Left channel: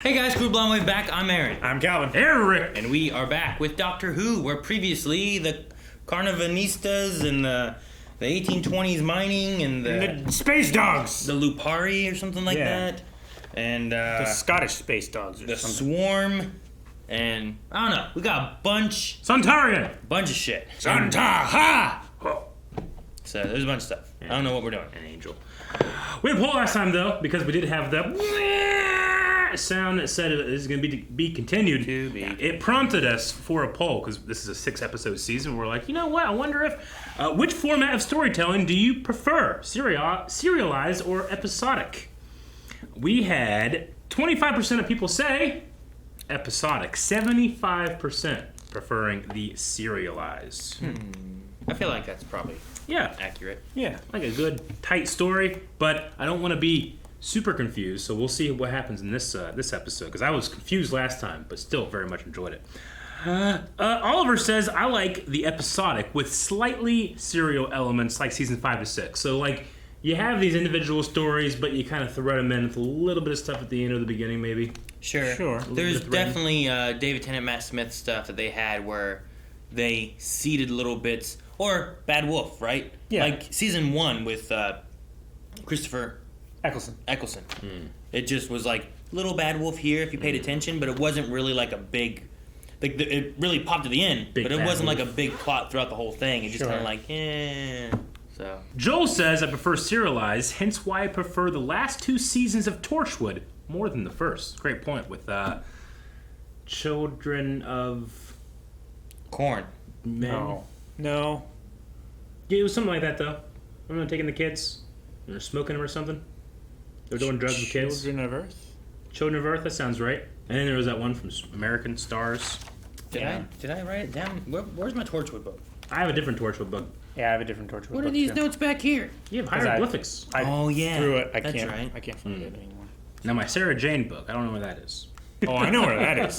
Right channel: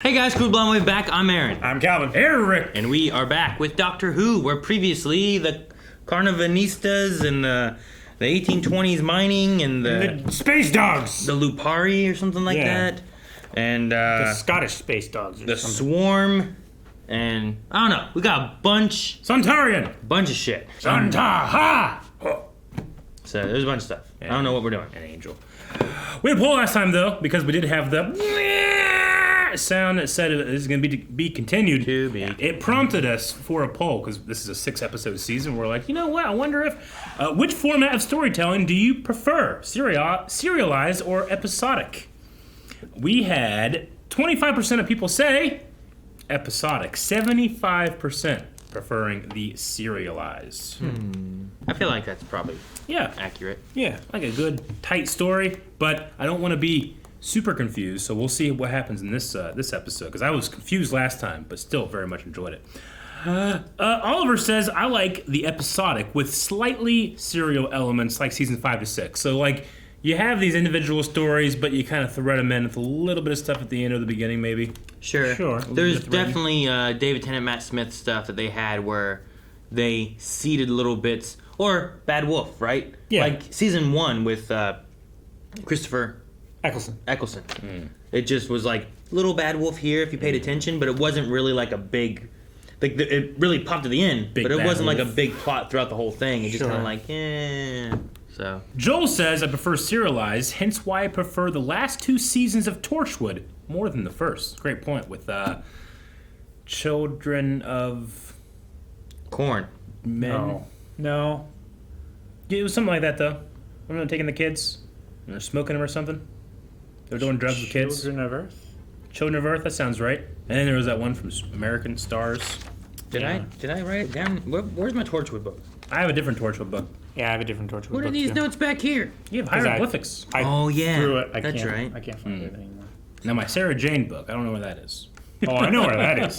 Hey guys, Crew Blonde back. I'm Aaron. I'm Calvin. Eric. And we are back with Doctor Who, where previously the Carnavanistas and the 1820s mining and the space dogs. The Lupari or something like that. And the Scottish space dogs. The Swarm. And I don't know. We got a bunch. Sontaran. Bunch of shit. Sontaran. Oh. So there's a bunch of stuff. I don't know what we're doing. An angel. We had a poll last time though, because we did have the sound that said it is going to be continued. It prompted us for a poll because this is a 6-episode season. We're like, you know what? I wonder if which format of storytelling do you prefer, serialized or episodic? We had 25% of people say episodic, 75% preferring the serialized. I feel like that's probably accurate. Yeah, like a good tight story, but I don't want to be super confused, so we'll see what happens in this episode, because I was confused last time, but still very much enjoyed it. Oliver says, I like the episodic with slightly serial elements like season 5 to 6. So, like, you have these individual stories, but you kind of thread them in with a little bit of stuff at the end or the beginning, maybe. Sure. There's definitely David Tennant, Matt Smith stuff that they had where they seeded little bits, or Bad Wolf, right? Yeah. Like season 1 with Christopher Eccleston. It just was like little Bad Wolf here if you paid attention, but it wasn't really like a big, like it really popped at the end, but it wasn't like a big plot throughout the whole thing. It's just kind of like, so. Joel says, I prefer serialized, hence why I prefer the last 2 seasons of Torchwood more than the first. Great point with Children of Corn. Men. No. Yeah, it was something like that though. I'm not taking the kids and they're smoking them or something. They're doing drugs with kids. Children of Earth? Children of Earth, that sounds right. And then there was that one from American Stars. Did I write it down? Where's my Torchwood book? I have a different Torchwood book. Yeah, I have a different Torchwood book. What are these notes back here? You have hieroglyphics. I yeah. threw it. That's right. I can't find it anymore. Now my Sarah Jane book, I don't know where that is. Oh, I know where that is.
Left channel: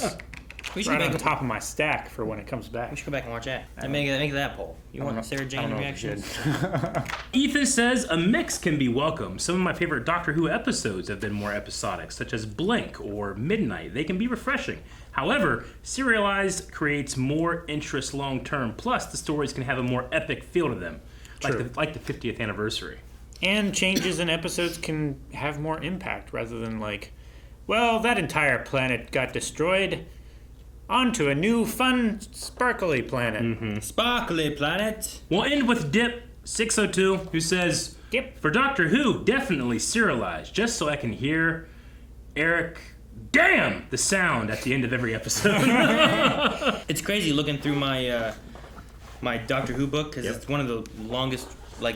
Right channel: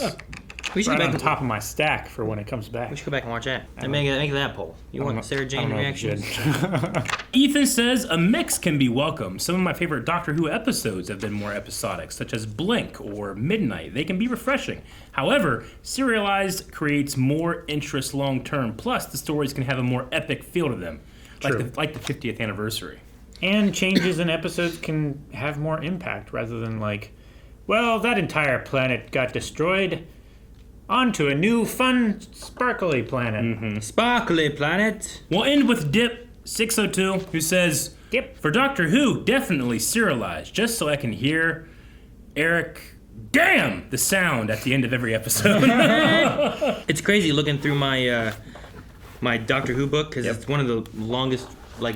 We should right go on back top of my stack for when it comes back. We should go back and watch that. And make that poll. You want Sarah Jane reactions? Ethan says, a mix can be welcome. Some of my favorite Doctor Who episodes have been more episodic, such as Blink or Midnight. They can be refreshing. However, serialized creates more interest long term. Plus, the stories can have a more epic feel to them, like the 50th anniversary. And changes in episodes can have more impact rather than like, well, that entire planet got destroyed. On to a new, fun, sparkly planet. Sparkly planet. We'll end with Dip602, who says, for Doctor Who, definitely serialized, just so I can hear Eric, damn, the sound at the end of every episode. It's crazy looking through my my Doctor Who book, because it's one of the longest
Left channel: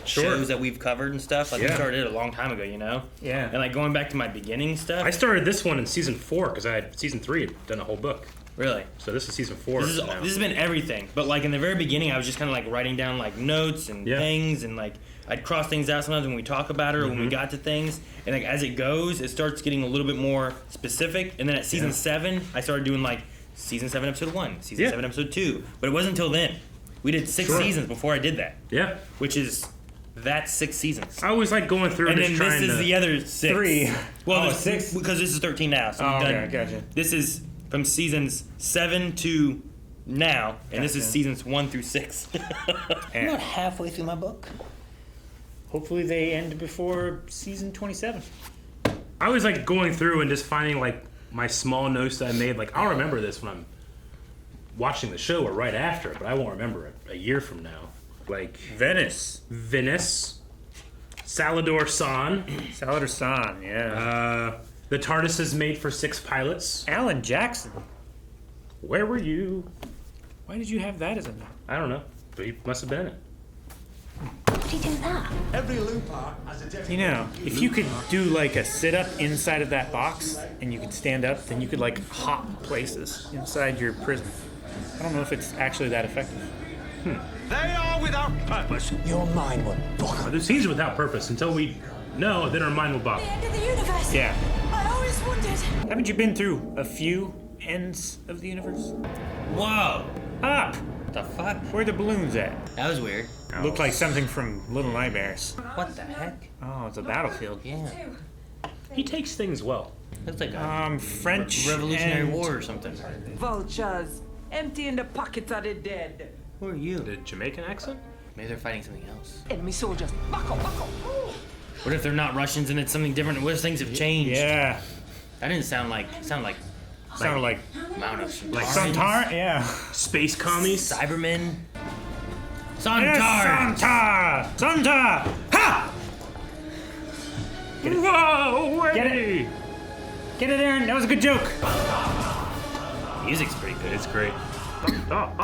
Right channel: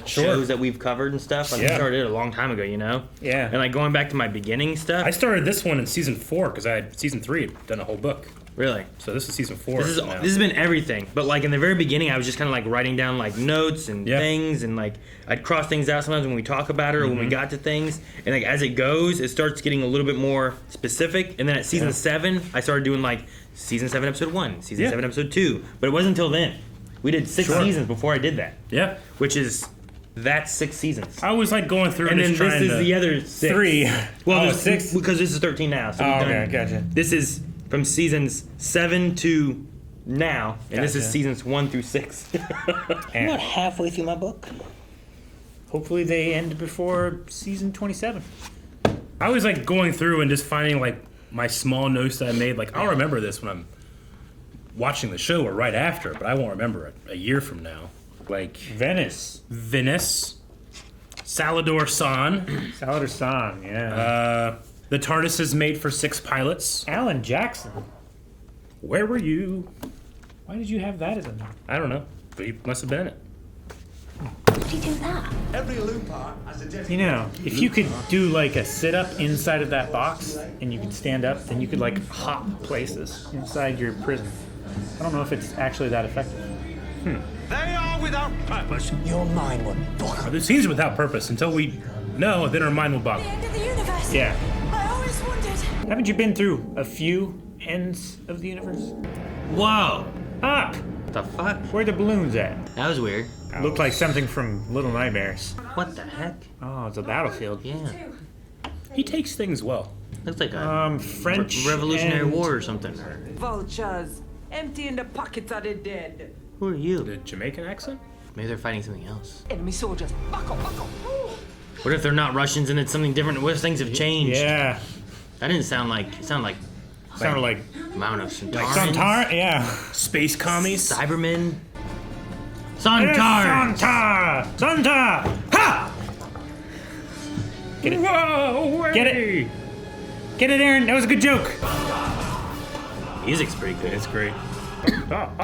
shows that we've covered and stuff. Like, we started it a long time ago, you know? Yeah. And like going back to my beginning stuff. I started this one in season 4, because I had season 3 done a whole book. Really? So this is season 4. This has been everything. But like in the very beginning, I was just kind of like writing down like notes and things, and like I'd cross things out sometimes when we talk about it or when we got to things. And like as it goes, it starts getting a little bit more specific. And then at season 7, I started doing like season 7 episode 1, season 7 episode 2. But it wasn't until then. We did 6 seasons before I did that. Yeah. Which is that's 6 seasons. I always like going through and then this is the other 6. 3. Well, 6 because this is 13 now. So we've done. Gotcha. This is from seasons 7 to now, and this is seasons 1 through 6. I'm not halfway through my book. Hopefully they end before season 27. I always like going through and just finding like my small notes that I made. Like I'll remember this when I'm watching the show or right after, but I won't remember it a year from now. Like Venice, Salador San, yeah. The TARDIS is made for 6 pilots. Alan Jackson. Where were you? Why did you have that as a note? I don't know, but he must have been in it. Why did he do that? Every looper has a different... You know, if you could do like a sit-up inside of that box and you could stand up, then you could like hop places inside your prison. I don't know if it's actually that effective. They are without purpose. Your mind will buckle. The scenes are without purpose until we know, then our mind will The boggle. end of the universe. Yeah. I always wondered. Haven't you been through a few ends of the universe? Whoa! Up! The fuck? Where the balloons at? That was weird. Looked like something from Little Nightmares. What the heck? Oh, it's a battlefield. Yeah. He takes things well. Looks like a French Revolutionary and- War or something. Vultures, emptying the pockets of the dead. Who are you? The Jamaican accent? Maybe they're fighting something else. Enemy soldiers, back up, back up. What if they're not Russians and it's something different? What if things have changed? Yeah. That didn't sound like. It sounded like. Sounded like Mount of Sontarans. Sontaran. Yeah. Space commies? Cybermen. It's Sontarans. Sonta! Ha! Get it. Whoa! Get it. Get it, Aaron. That was a good joke. Music's pretty good. It's great. That's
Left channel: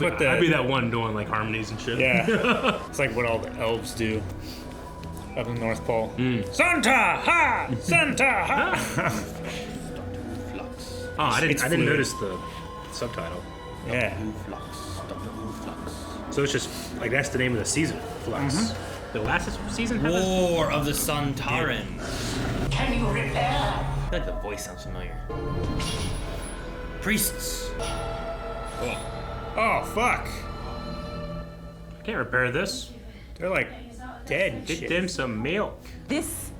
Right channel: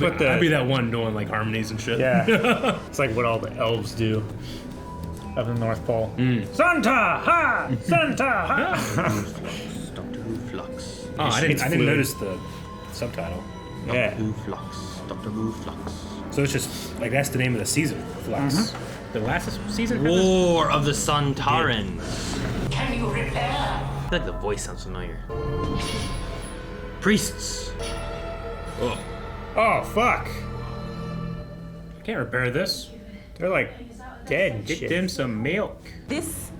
what the. I'd be that one doing like harmonies and shit. Yeah. It's like what all the elves do up in the North Pole. Santa! Ha! Santa! Ha! Flux. Oh, I It's didn't fluid. notice the subtitle. Yeah. Who Flux. Doctor Who Flux. So it's just like that's the name of the season. Flux. The last season. for this? War of the Sontarans. Can you repair? I feel like the voice sounds familiar. Priests. Oh. Oh, fuck. Can't repair this. They're like dead and Get shit. them some milk. This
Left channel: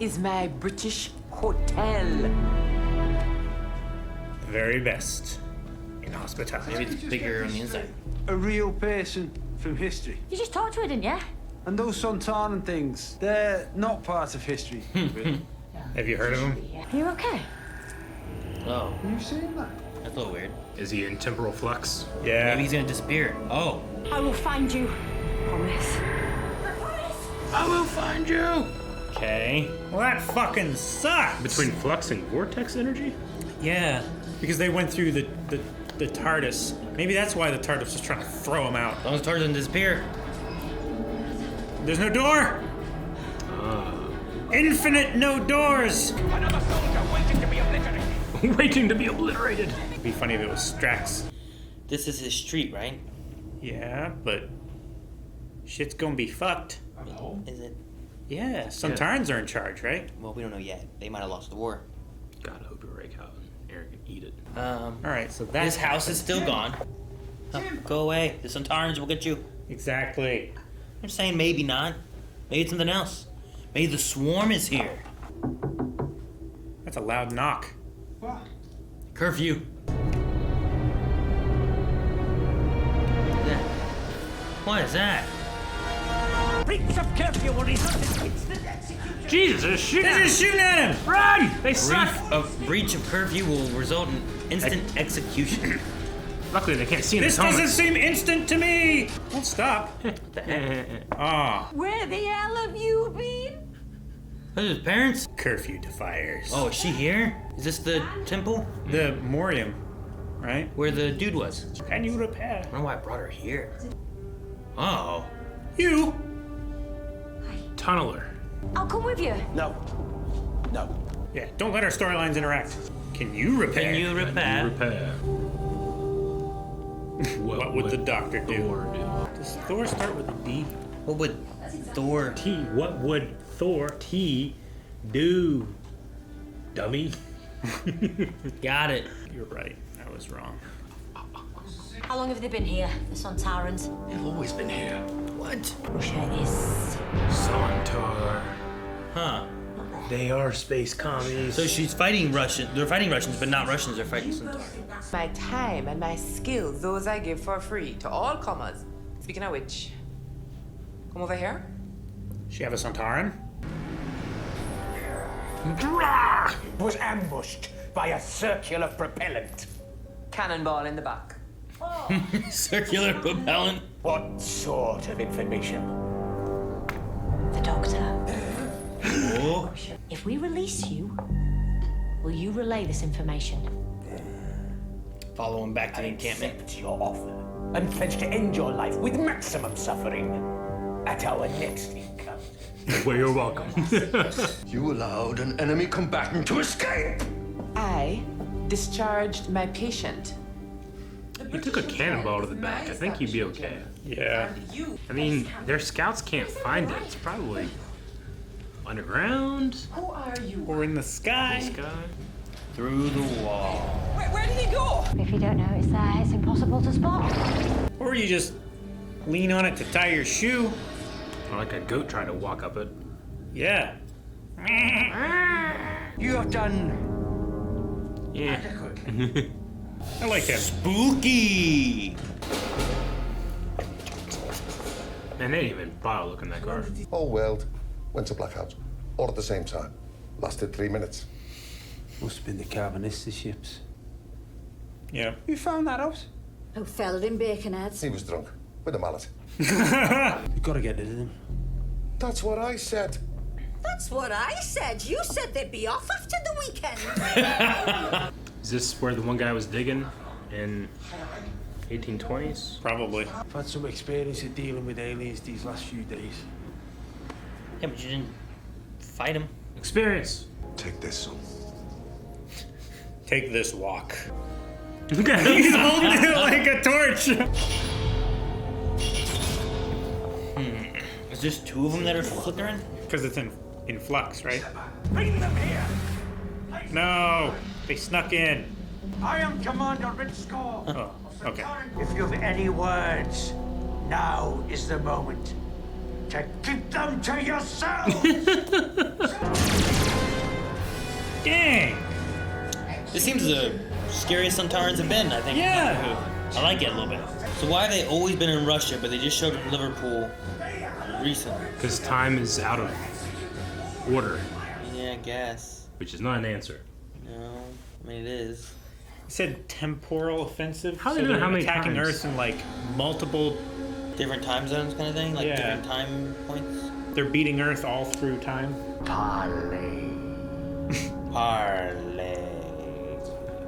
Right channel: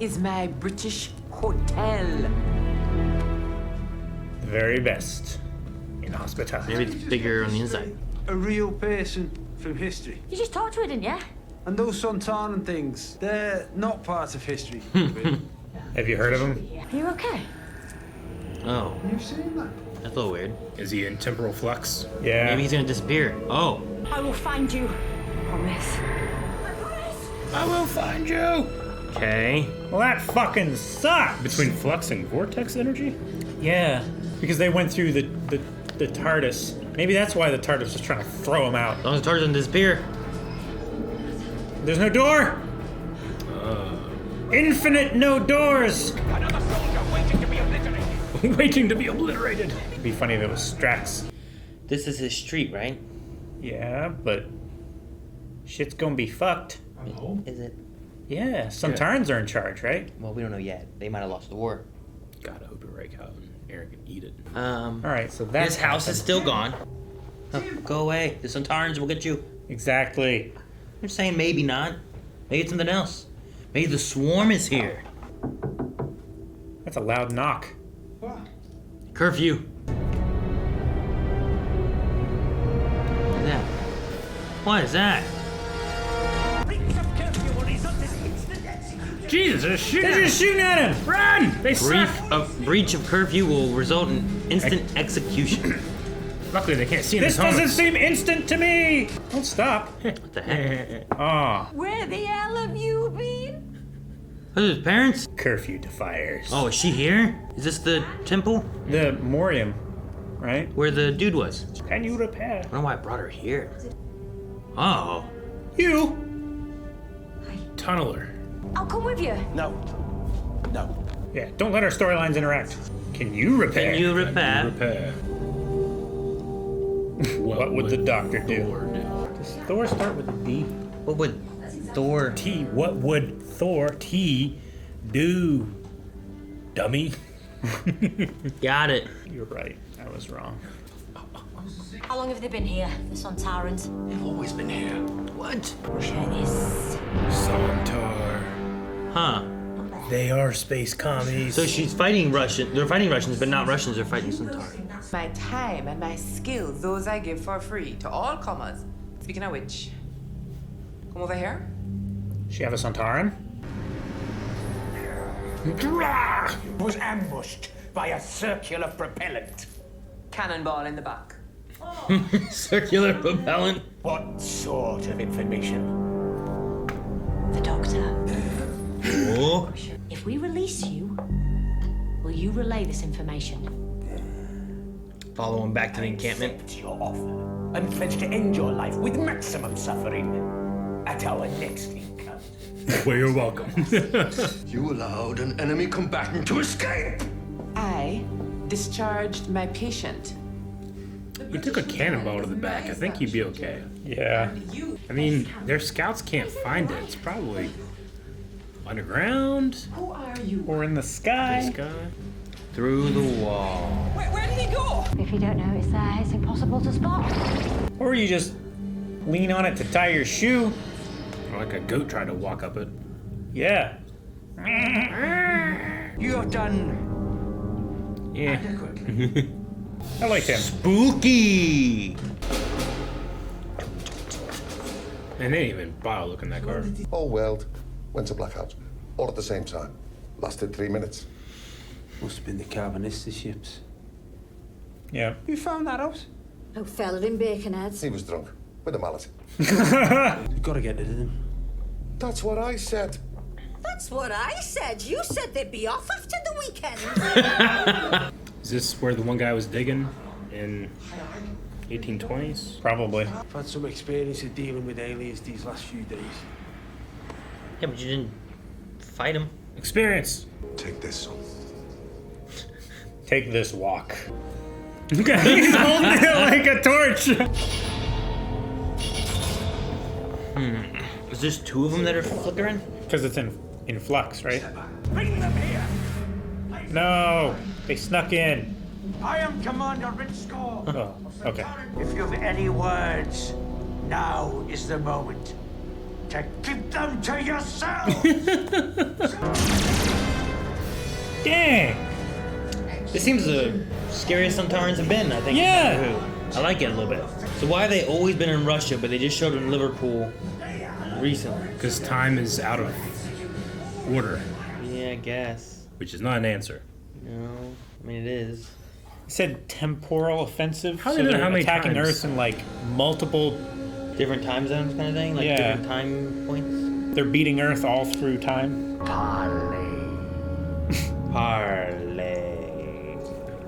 is my British hotel. The very best in hospitality. Maybe it's bigger on the inside. A real person from history. You just talked to her, didn't you? And those Sontaran things, they're not part of history. really. Have you heard of them? Are you okay? Oh, You've seen that? that's a little weird. Is he in temporal flux? Yeah. Maybe he's gonna disappear. Oh. I will find you. Promise. I will find you. Okay. Well, that fucking sucks. Between flux and vortex energy? Yeah. Because they went through the TARDIS. Maybe that's why the TARDIS was trying to throw him out. As long as Tarzan doesn't disappear. There's no door. Infinite no doors. Another soldier waiting to be obliterated. Waiting to be obliterated. It'd be funny if it was Strax. This is his street, right? Yeah, but shit's gonna be fucked. Is it? Yeah, Sontarans are in charge, right? Well, we don't know yet. They might have lost the war. God, I hope you're right, Calvin. Aaron can eat it. All right, so that's His house is still gone. Go away. The Sontarans will get you. exactly. I'm saying maybe not. Maybe it's something else. Maybe the swarm is here. That's a loud knock. What? Curfew. What is that? Breach of curfew will result in instant execution. Jesus, they're shooting They're at just him. shooting at him. Run! They suck! Breach of curfew will result in instant execution. Luckily, they can't see in This the doesn't comics. seem instant to me. Don't stop. What the heck? Ah, Where the hell have you been? Those are his parents? curfew defiers. Oh, is she here? Is this the temple The Morium, right? where the dude was? Can you repair? I don't know why I brought her here. Oh. You? Tunneler. I'll come with you. No. No. Yeah, don't let our storylines interact. Can you repair? Can you repair? Repair. What would the doctor do? Thor do? Does Thor start with a D? What would Thor? What would Thor T do? Dummy. Got it. You're right. I was wrong. How long have they been here, the Sontarans? They've always been here. What? Russia is... Sontar. Huh. They are space commies. So she's fighting Russian. They're fighting Russians, but not Russians. They're fighting Sontarans. My time and my skills, those I give for free to all comers. Speaking of which, come over here. She have a Sontaran? Was ambushed by a circular propellant. Cannonball in the back. Circular propellant. What sort of information? The doctor. Oh. If we release you, will you relay this information? Follow him back to the encampment. Accept your offer and pledge to end your life with maximum suffering at our next encounter. Well, you're welcome. You allowed an enemy combatant to escape! I discharged my patient. You took a cannonball to the back. I think you'd be okay. Yeah. I mean, their scouts can't find it. It's probably underground. Who are you? Or in the sky. Sky. Through the wall. Where did he go? If you don't know it's there, it's impossible to spot. Or you just lean on it to tie your shoe. Or like a goat trying to walk up it. Yeah. You have done Yeah. adequately. I like him. Spooky. And they didn't even bother looking that car. All weld. Went to blackout. All at the same time. Lasted 3 minutes. Must have been the Carbonistas ships. Yeah. You found that out? Who fell in Baconheads? He was drunk. With a mallet. You've got to get rid of them. That's what I said. That's what I said. You said they'd be off after the weekend. Is this where the one guy was digging in 1820s? Probably. I've had some experience of dealing with aliens these last few days. Yeah, but you didn't fight him. Experience. Take this, son. Take this walk. He's holding it like a torch. Is there 2 of them that are flickering? Because it's in flux, right? Bring them here! No, they snuck in. I am Commander Ritsko. Oh, okay. If you've any words, now is the moment to keep them to yourself. Dang. This seems the scariest Sontarans have been, I think. Yeah. I like it a little bit. So why have they always been in Russia, but they just showed in Liverpool recently? Because time is out of order, Yeah, I guess. which is not an answer. No, I mean it is. He said temporal offensive, How so do you know they're how many attacking times? Earth in like multiple. Different time zones kind of thing? Like Yeah. different time points? They're beating Earth all through time. Parley. Parlay.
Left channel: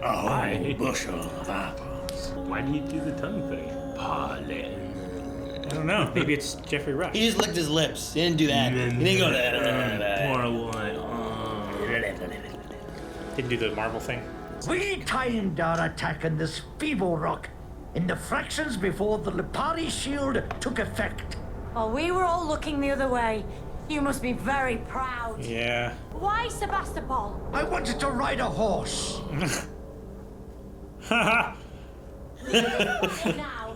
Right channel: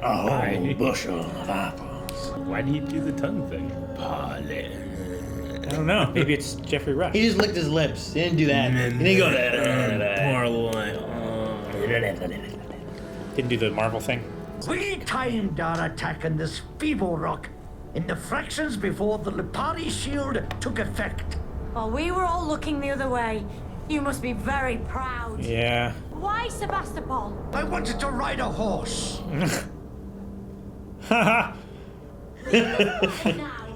Oh, bushel of apples. Why do you do the tongue thing? Parley. I don't know. Maybe it's Jeffrey Rush. He just licked his lips. He didn't do that. He didn't go. Didn't do the Marvel thing. We timed our attack on this feeble rock in the fractions before the Lipari shield took effect. While we were all looking the other way, you must be very proud. Yeah. Why Sebastopol? I wanted to ride a horse. Now,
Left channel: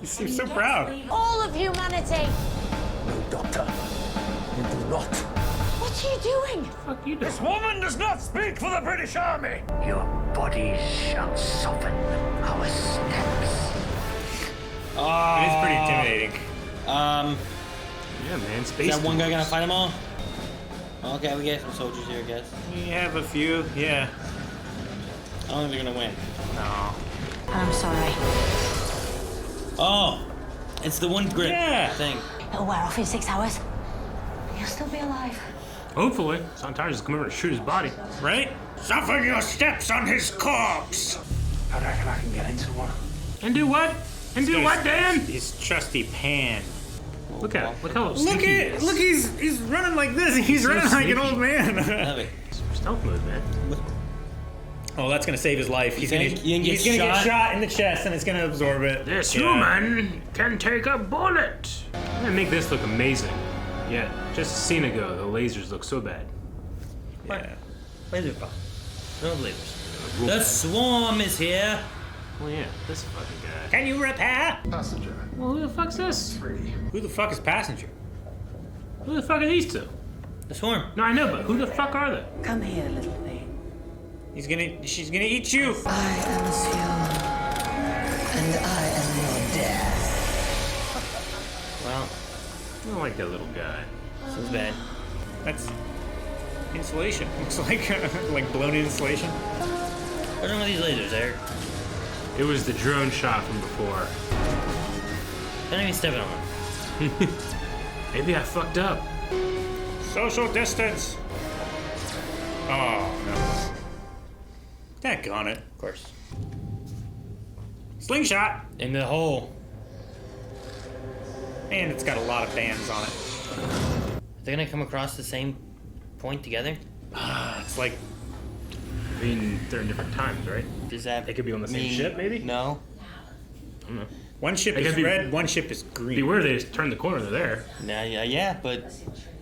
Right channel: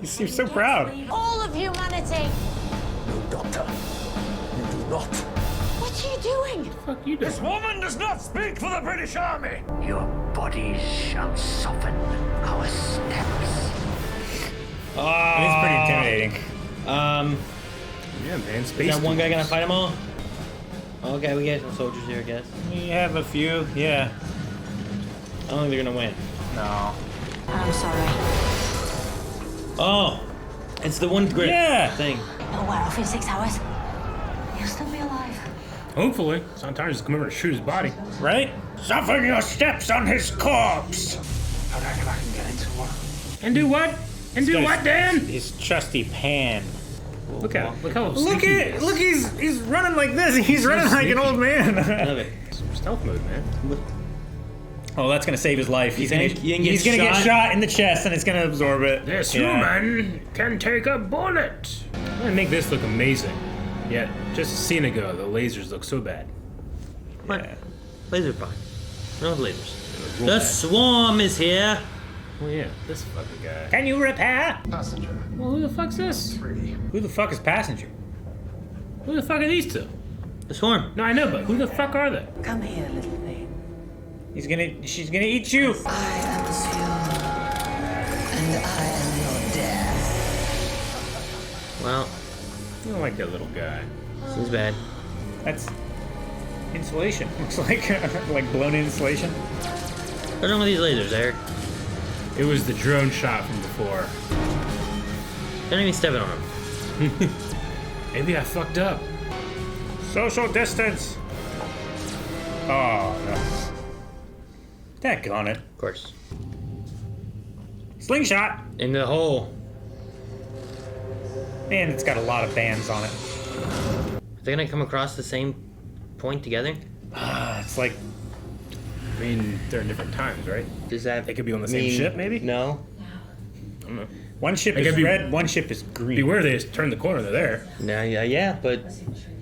You seem and so get proud. to leave all of humanity. No, Doctor. You do not. What are you doing? This woman does not speak for the British Army. Your bodies shall soften our steps. It is pretty intimidating. Yeah, man. Space. Is that one guy gonna fight them all? Okay, we got some soldiers here, I guess. We have a few, yeah. I don't think they're gonna win. No. I'm sorry. Oh, it's the one grip Yeah. thing. It'll wear off in 6 hours. You'll still be alive. Hopefully, Sontarans will come over to shoot his body. Right? Soften your steps on his corpse. I reckon I can get into one. And do what? And do Got what, his- Dan? His trusty pan. Look at him. Look how Look sneaky he at, is. look, he's running like this. He's running like an old I man. love it. Stealth mode, man. Oh, that's gonna save his life. He's gonna, think you can get he's gonna get shot? shot in the chest, and it's gonna absorb it. This Yeah. woman can take a bullet. I'm gonna make this look amazing. Yet, just a scene ago, the lasers look so bad. What? Laser fine. No lasers. The swarm is here. Oh yeah, this fucking guy. Can you repair? Passenger. Well, who the fuck's this? 3. Who the fuck is passenger? Who the fuck are these two? The swarm. No, I know, but who the fuck are they? Come here, little thing. She's gonna eat you. I am Fuel, and I am your death. Well, I don't like that little guy. seems bad. That's insulation. Looks like like blown insulation. What's wrong with these lasers, Eric? It was the drone shot from before. Don't even step on them. Maybe I fucked up. Social distance. Oh no. Daggone it. Of course. Slingshot. In the hole. And it's got a lot of bands on it. Are they gonna come across the same point together? It's like I mean, they're in different times, right? Does that They could be on the same mean- ship, maybe? No. I don't know. one ship It is could be- red, one ship is green. Beware, they just turn the corner, they're there. No, yeah, but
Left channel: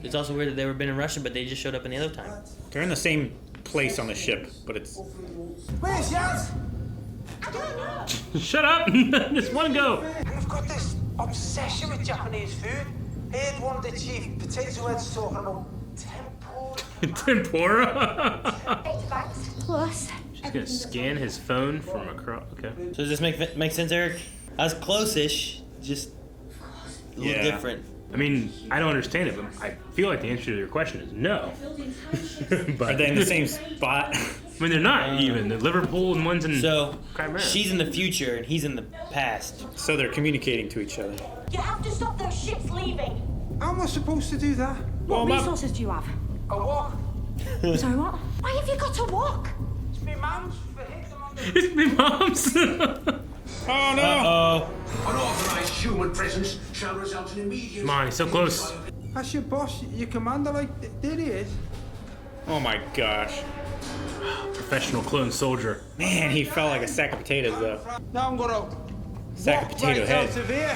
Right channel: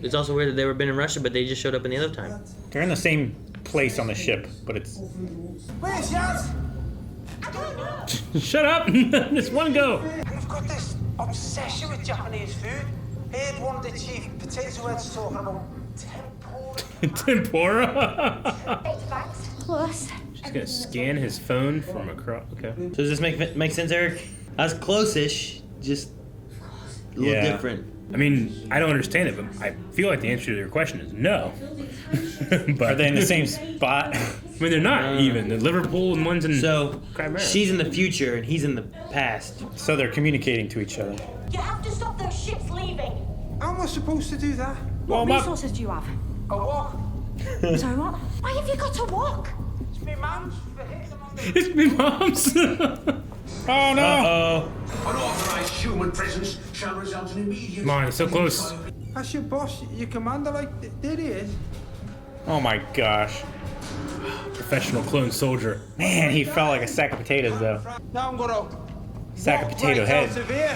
it's also weird that they were been in Russia, but they just showed up in the other time. They're in the same place on the ship, but it's Where's Yaz? Shut up! Just one go! I've got this obsession with Japanese food. Heard one of the chief potato heads talking about tempo Tempura. Plus, She's gonna scan his phone from across. Okay. So does this make sense, Eric? I was close-ish, just a little different. I mean, I don't understand it, but I feel like the answer to your question is no. But Are they in the same spot? I mean, they're not even. They're Liverpool and one's in. So Crab she's in the future and he's in the past. So they're communicating to each other. you have to stop those ships leaving. How am I supposed to do that? What resources do you have? A walk. Sorry, what? Why have you got to walk? It's me mum's for hitting them on the... It's me, mom's. Oh no! Uh-oh. Unauthorized human presence shall result in immediate... Come on, he's so close. That's your boss, your commander, like, there he is. Oh my gosh. Professional clone soldier. Man, he felt like a sack of potatoes though. Now I'm gonna Sack of walk potato right head. out of here.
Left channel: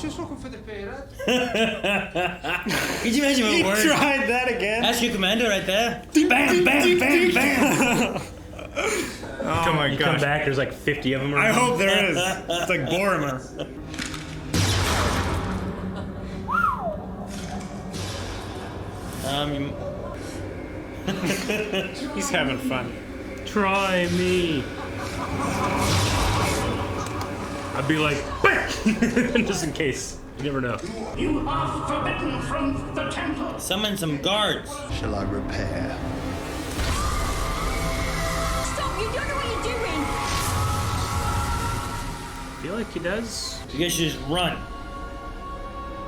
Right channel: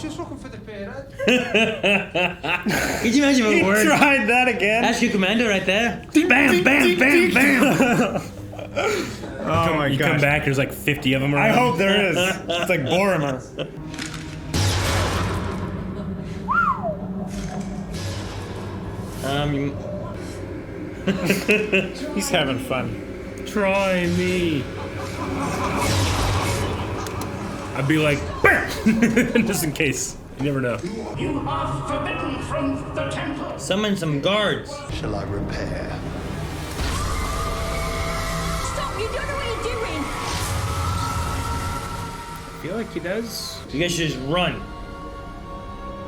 Just looking for the pyramid. Could you imagine He what word? tried that again. That's your commando right there. Bam, bam, bam, bam. Oh my You come gosh. back, there's like 50 of them. I hope there is. It's like Borimer. You... He's having fun. Try me. I'd be like, bam! Just in case. You never know. You are forbidden from the temple. Summon some guards. Shall I repair? Stop! You don't know what you're doing. I feel like he does. You guys should just run.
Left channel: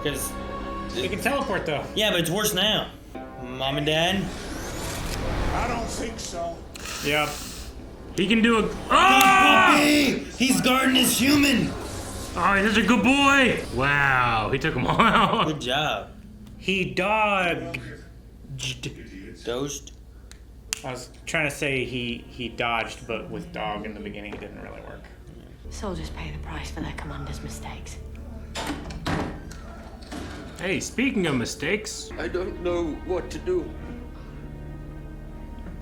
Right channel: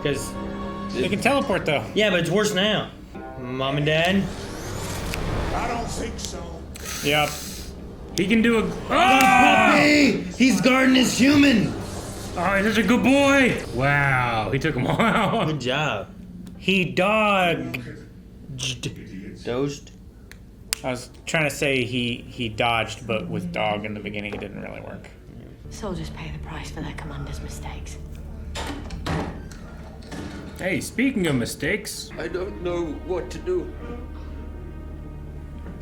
Because, They can teleport though. yeah, but it's worse now. Mom and Dad. I don't think so. Yep. He can do a. Oh! Hey, he's guarding his human. Oh, he's such a good boy. Wow, he took them all out. Good job. He dogged. Dozed. I was trying to say he dodged, but with dog in the beginning it didn't really work. Soldiers pay the price for their commander's mistakes. Hey, speaking of mistakes, I don't know what to do.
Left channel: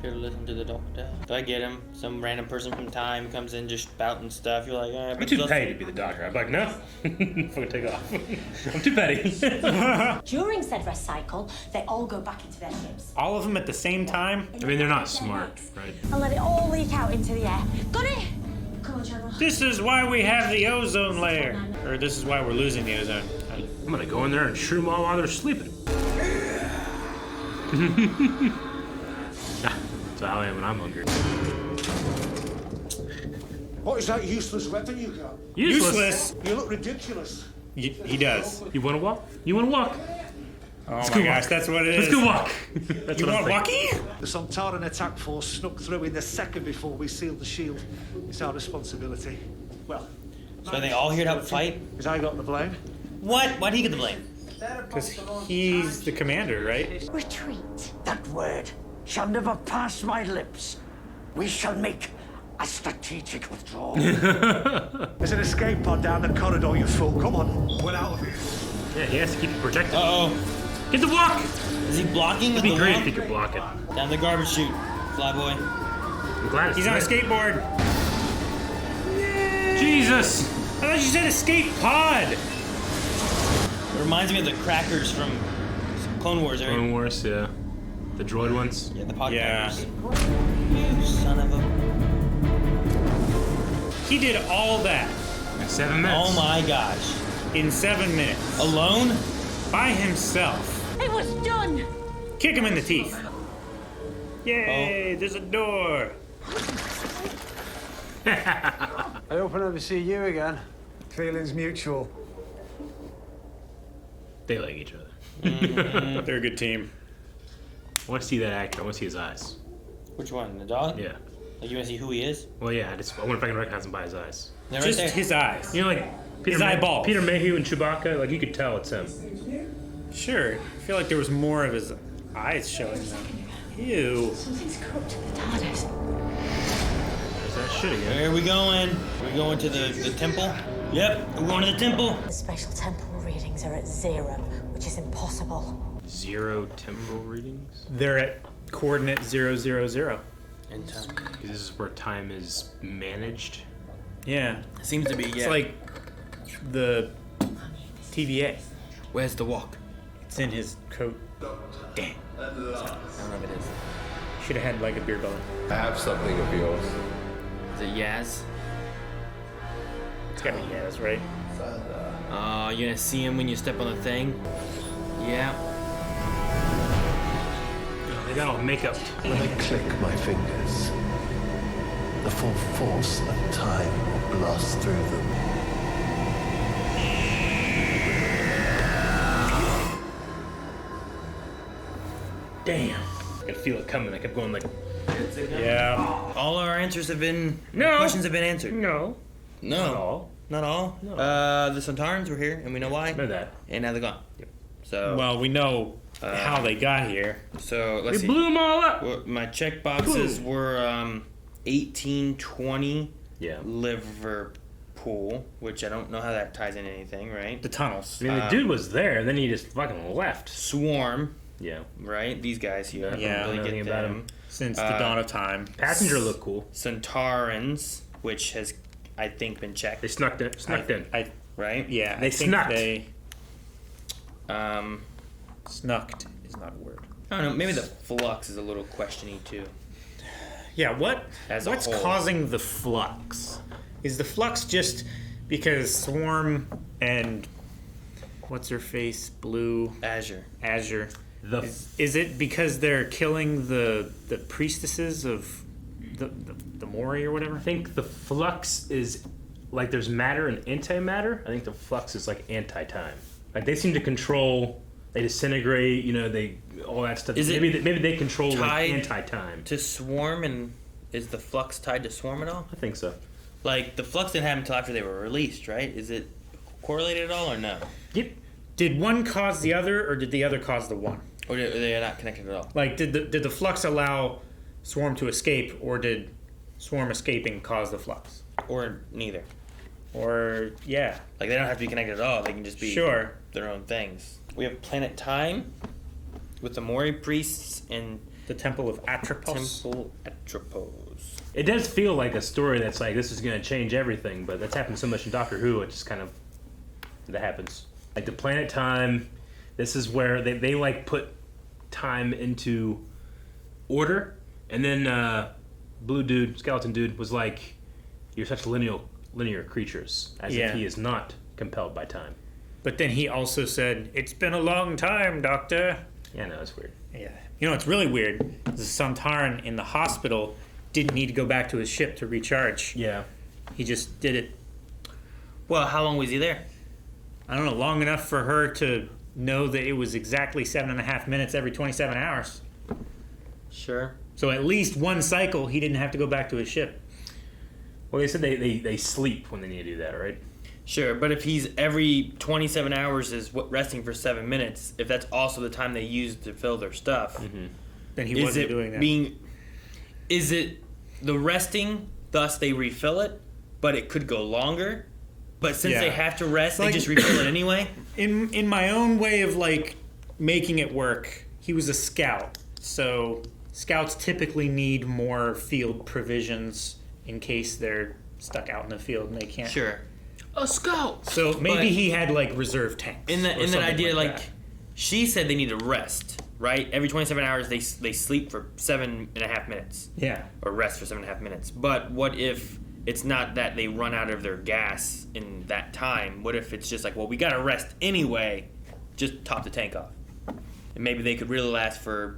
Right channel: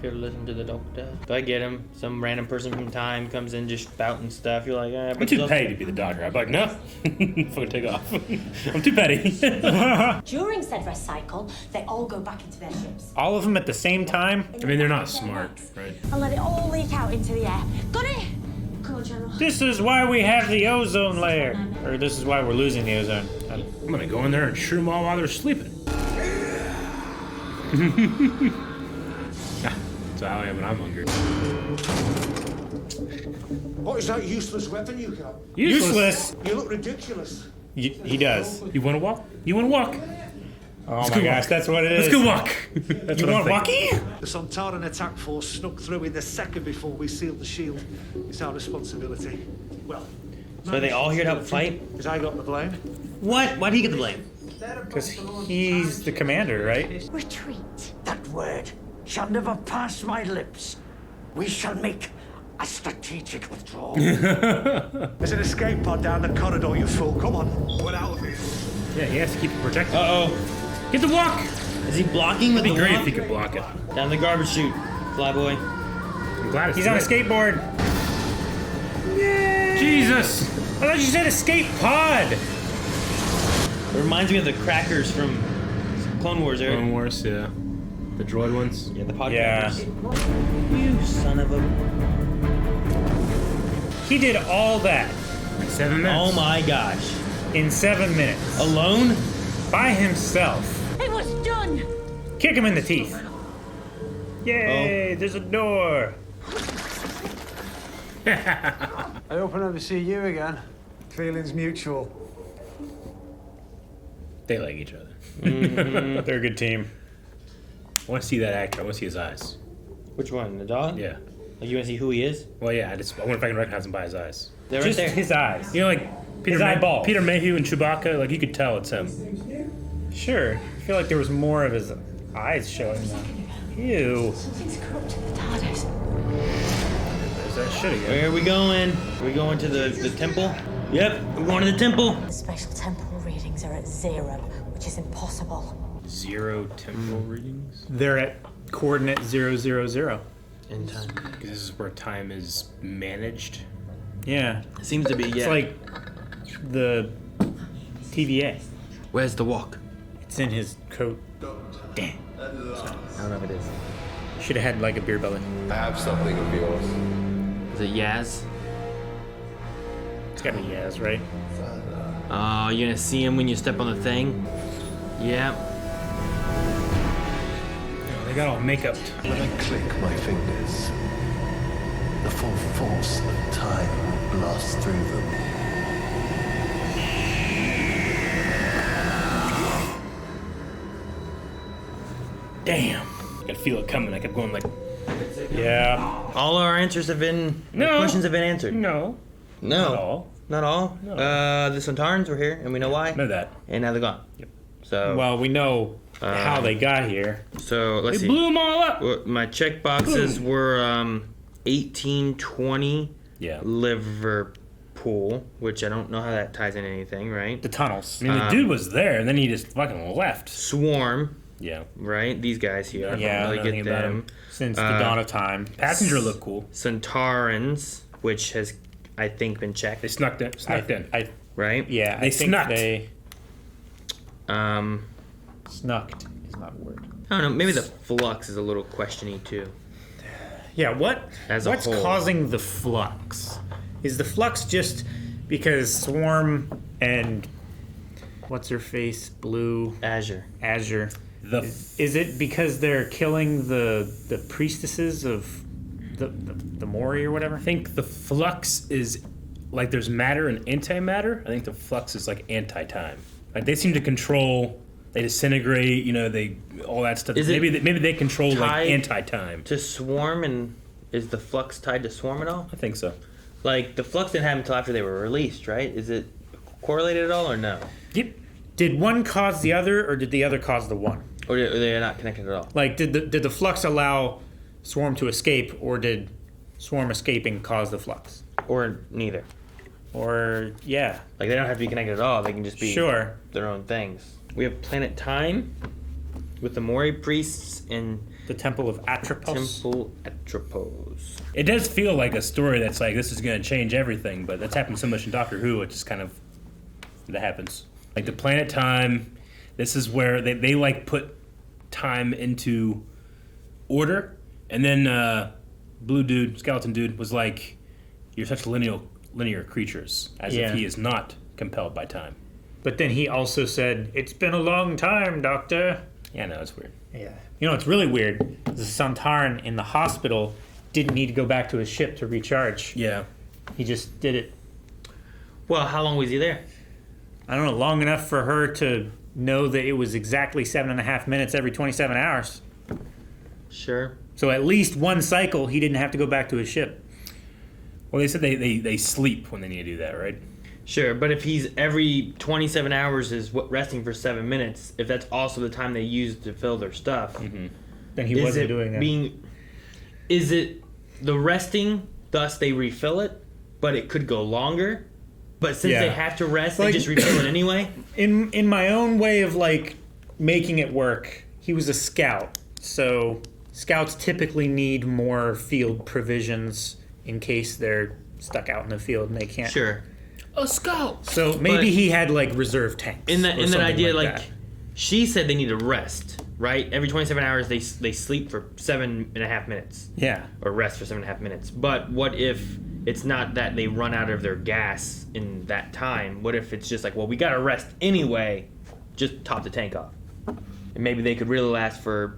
Here, listen to the doctor. Do I get him? Some random person from time comes in just spouting stuff. You're like, all right, I'm too petty to be the doctor. I'm like, no, fucking take off. I'm too petty. During said rest cycle, they all go back into their ships. All of them at the same time? I mean, they're not smart, right? And let it all leak out into the air. Got it? Come on, General. This is why we have the ozone layer. Or this is why we're losing the ozone. I'm gonna go in there and shoot them all while they're sleeping. That's how I am when I'm hungry. What is that useless weapon you got? Useless. You look ridiculous. He does. You wanna walk? You wanna walk? Oh my gosh, that's what it is. Let's go walk. That's You what I'm want thinking. walkie? The Sontaran attack force snuck through in the second before we sealed the shield. It's our responsibility. Well, So are they all here to help fight? because I got the blame. What? Why do you get the blame? Because he's the commander, right? Retreat. That word shall never pass my lips. We shall make a strategic withdrawal. There's an escape pod down the corridor, you fool. Come on. We're out of here. Yeah, he has to keep it protected. Uh-oh. Get the walk! Is he blocking with It'd be the great walk? if he could block it. Down the garbage chute. Flyboy. I'm glad it's He's on a lit. skateboard. Jesus! I thought you said escape pod. It reminds me of the crackers from Clone Wars, Eric. Clone Wars, yeah. The droid ones. Yeah, the pod Yeah. crackers. You son of a... He did all that In 7 minutes. Oh my gosh. in 7 minutes. Alone? By himself. It was done. Kick him in the teeth. Yay, there's a door. I hope I never see you again. Feelings mutual. They like each other. They're a good team. I want to see that actor. I want to see his eyes. Which one? The dog? Yeah. Like, you want to see who he is? Well, yeah. I wonder if I can recognize him by his eyes. They're Just right there. his eyes. You know, like His eyeball. Peter Mayhew and Chewbacca. Like you could tell it's him. Sure. I feel like there was more of his eyes showing. Ew. Something's corrupted the TARDIS. Is that shit again? Where are we going? We going to the temple? Yep, we're going to the temple. The spatial temporal readings are at 0, which is impossible. 0 temporal readings. They're at coordinate 000. In time. Because this is where time is managed. Yeah. Seems to be, yeah. It's like the TVA. Where's the walk? It's in his coat. Damn. I don't know if it is. Should have had like a beer belly. I have something of yours. Is it Yaz? It's gotta be Yaz, right? Oh, you're gonna see him when you step on the thing? Yeah. They got all makeup. When I click my fingers, the full force of time will blast through them. Damn. I could feel it coming. I kept going like, Yeah. All our answers have been... No. Questions have been answered. no. No. Not all. Not all? No. The Sontarans were here, and we know why. Know that. And now they're gone. So, Well, we know how they got here. so let's They see. blew them all up. What- My check boxes were 1820 Yeah. Liverpool, which I don't know how that ties in anything, right? The tunnels. I mean, the dude was there, and then he just fucking left. Swarm, Yeah. right? These guys here. I Yeah, don't really nothing get about them. him. Since the dawn of time. Passenger looked cool. Sontarans, which has, I think, been checked, They snuck in. I right? yeah, They I think snucked. they Um, snucked is not a word. I don't know. Maybe the flux is a little questiony too. Yeah, As a what's whole. causing the flux? Is the flux just because Swarm and what's her face, Blue Azure. The Is it because they're killing the priestesses of the Mori or whatever? I think the flux is like there's matter and antimatter. I think the flux is like anti-time. Like they seem to control. They disintegrate. You know, they all that stuff. Is it maybe they control like tied anti-time. To Swarm, and is the flux tied to Swarm at all? I think so. Like the flux didn't happen until after they were released, right? Is it correlated at all or no? Yep. Did one cause the other, or did the other cause the one? Or they're not connected at all? Like, did the flux allow Swarm to escape, or did Swarm escaping cause the flux? Or neither? Or yeah, Like they don't have to be connected at all. They can just be sure. their own things. We have Planet Time with the Mori priests and The Temple of Atropos. Temple Atropos. It does feel like a story that's like this is going to change everything, but that's happened so much in Doctor Who. It just kind of that happens. Like the Planet Time. This is where they like put time into order, and then Blue Dude, Skeleton Dude, was like, "You're such linear creatures," as Yeah. if he is not compelled by time. But then he also said, "It's been a long time, Doctor." Yeah, no, it's weird. Yeah. You know what's really weird? The Sontaran in the hospital didn't need to go back to his ship to recharge. Yeah. He just did it. Well, how long was he there? I don't know, long enough for her to know that it was exactly 7.5 minutes every 27 hours. Sure. So at least one cycle, he didn't have to go back to his ship. Well, they said they sleep when they need to do that, right? Sure, but if he's every 27 hours is resting for 7 minutes, if that's also the time they use to fill their stuff, Then he is wasn't it doing that. Is it the resting, thus they refill it, but it could go longer? But since Yeah. they have to rest, they Like- just refill it anyway? In my own way of like making it work, he was a scout. So scouts typically need more field provisions in case they're stuck out in the field and they can't. Sure. A scout! So maybe But he had like reserve tanks. In that or something idea, like, that. she said they need to rest, right? Every 27 hours they sleep for 7.5 minutes. Yeah. Or rest for 7.5 minutes. But what if it's not that they run out of their gas in that time? What if it's just like, well, we gotta rest anyway, just top the tank off? And maybe they could really last for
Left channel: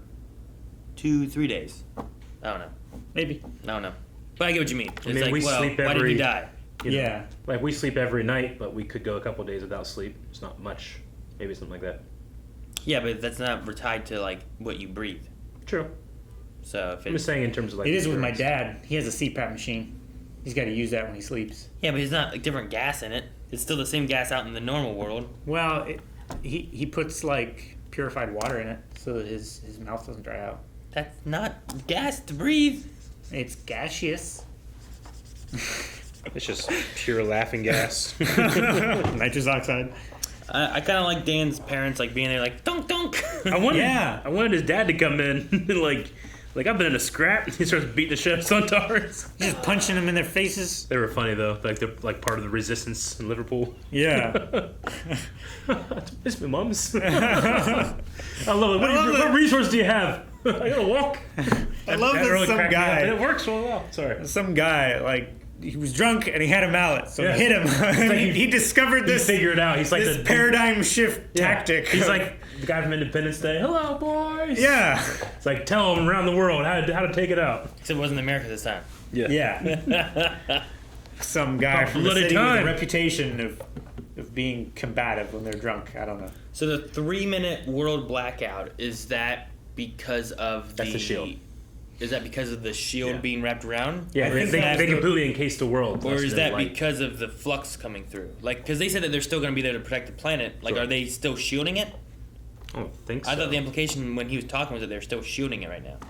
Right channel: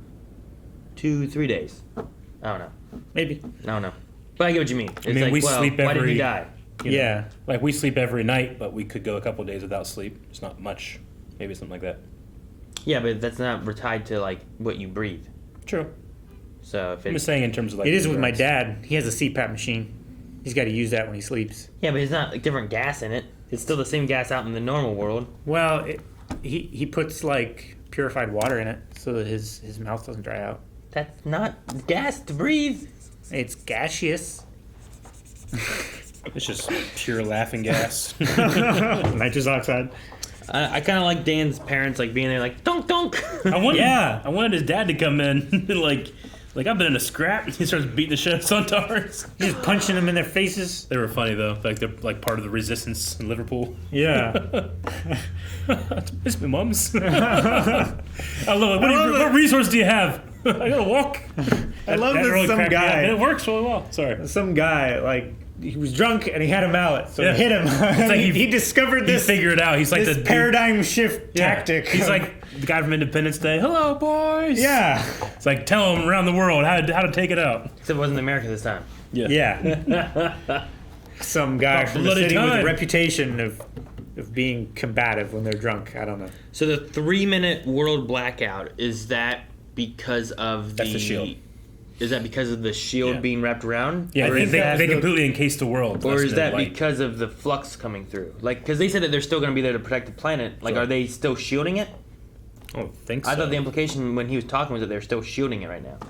2-3 days. I don't know. Maybe. I don't know. But I get what you mean. It's mean, like, we well, sleep why did he every- die? You know, Yeah. Like we sleep every night, but we could go a couple days without sleep. It's not much. Maybe something like that. Yeah, but that's not tied to like what you breathe. True. So if I'm it's just saying in terms of like. It is with my drugs. dad. He has a CPAP machine. He's got to use that when he sleeps. yeah, but it's not like different gas in it. It's still the same gas out in the normal world. Well, he puts like purified water in it so that his mouth doesn't dry out. That's not gas to breathe. It's gaseous. It's just pure laughing gas. Nitrous oxide. I kind of like Dan's parents like being there like dunk dunk. I wanted his dad to come in and like I've been in a scrap. And he starts beating the shit out of Sontarans. He's just punching them in their faces. They were funny though. Like they're like part of the resistance in Liverpool. Yeah. It's my mom's. What resource do you have? I gotta walk. I love that really some guy. It works really well. Sorry. Some guy, like, he was drunk and he had a mallet, so Yeah. he hit him. like he discovered this. He figured it out. He's like this the paradigm shift tactic. He's like the guy from Independence Day. Hello, boys. Yeah. It's like tell them around the world how to take it out. Except it wasn't America this time. Yeah. Some guy from the city with a reputation of being combative when they're drunk. I don't know. So the 3-minute world blackout, is that because of That's the shield. Is that because of the shield being wrapped around? Yeah, I think they completely encased the world. Or is that like, because of the flux coming through? Like, because they said that they're still going to be there to protect the planet. Like, are they still shielding it? I don't think so. I thought the implication when he was talking was that they're still shielding it right now.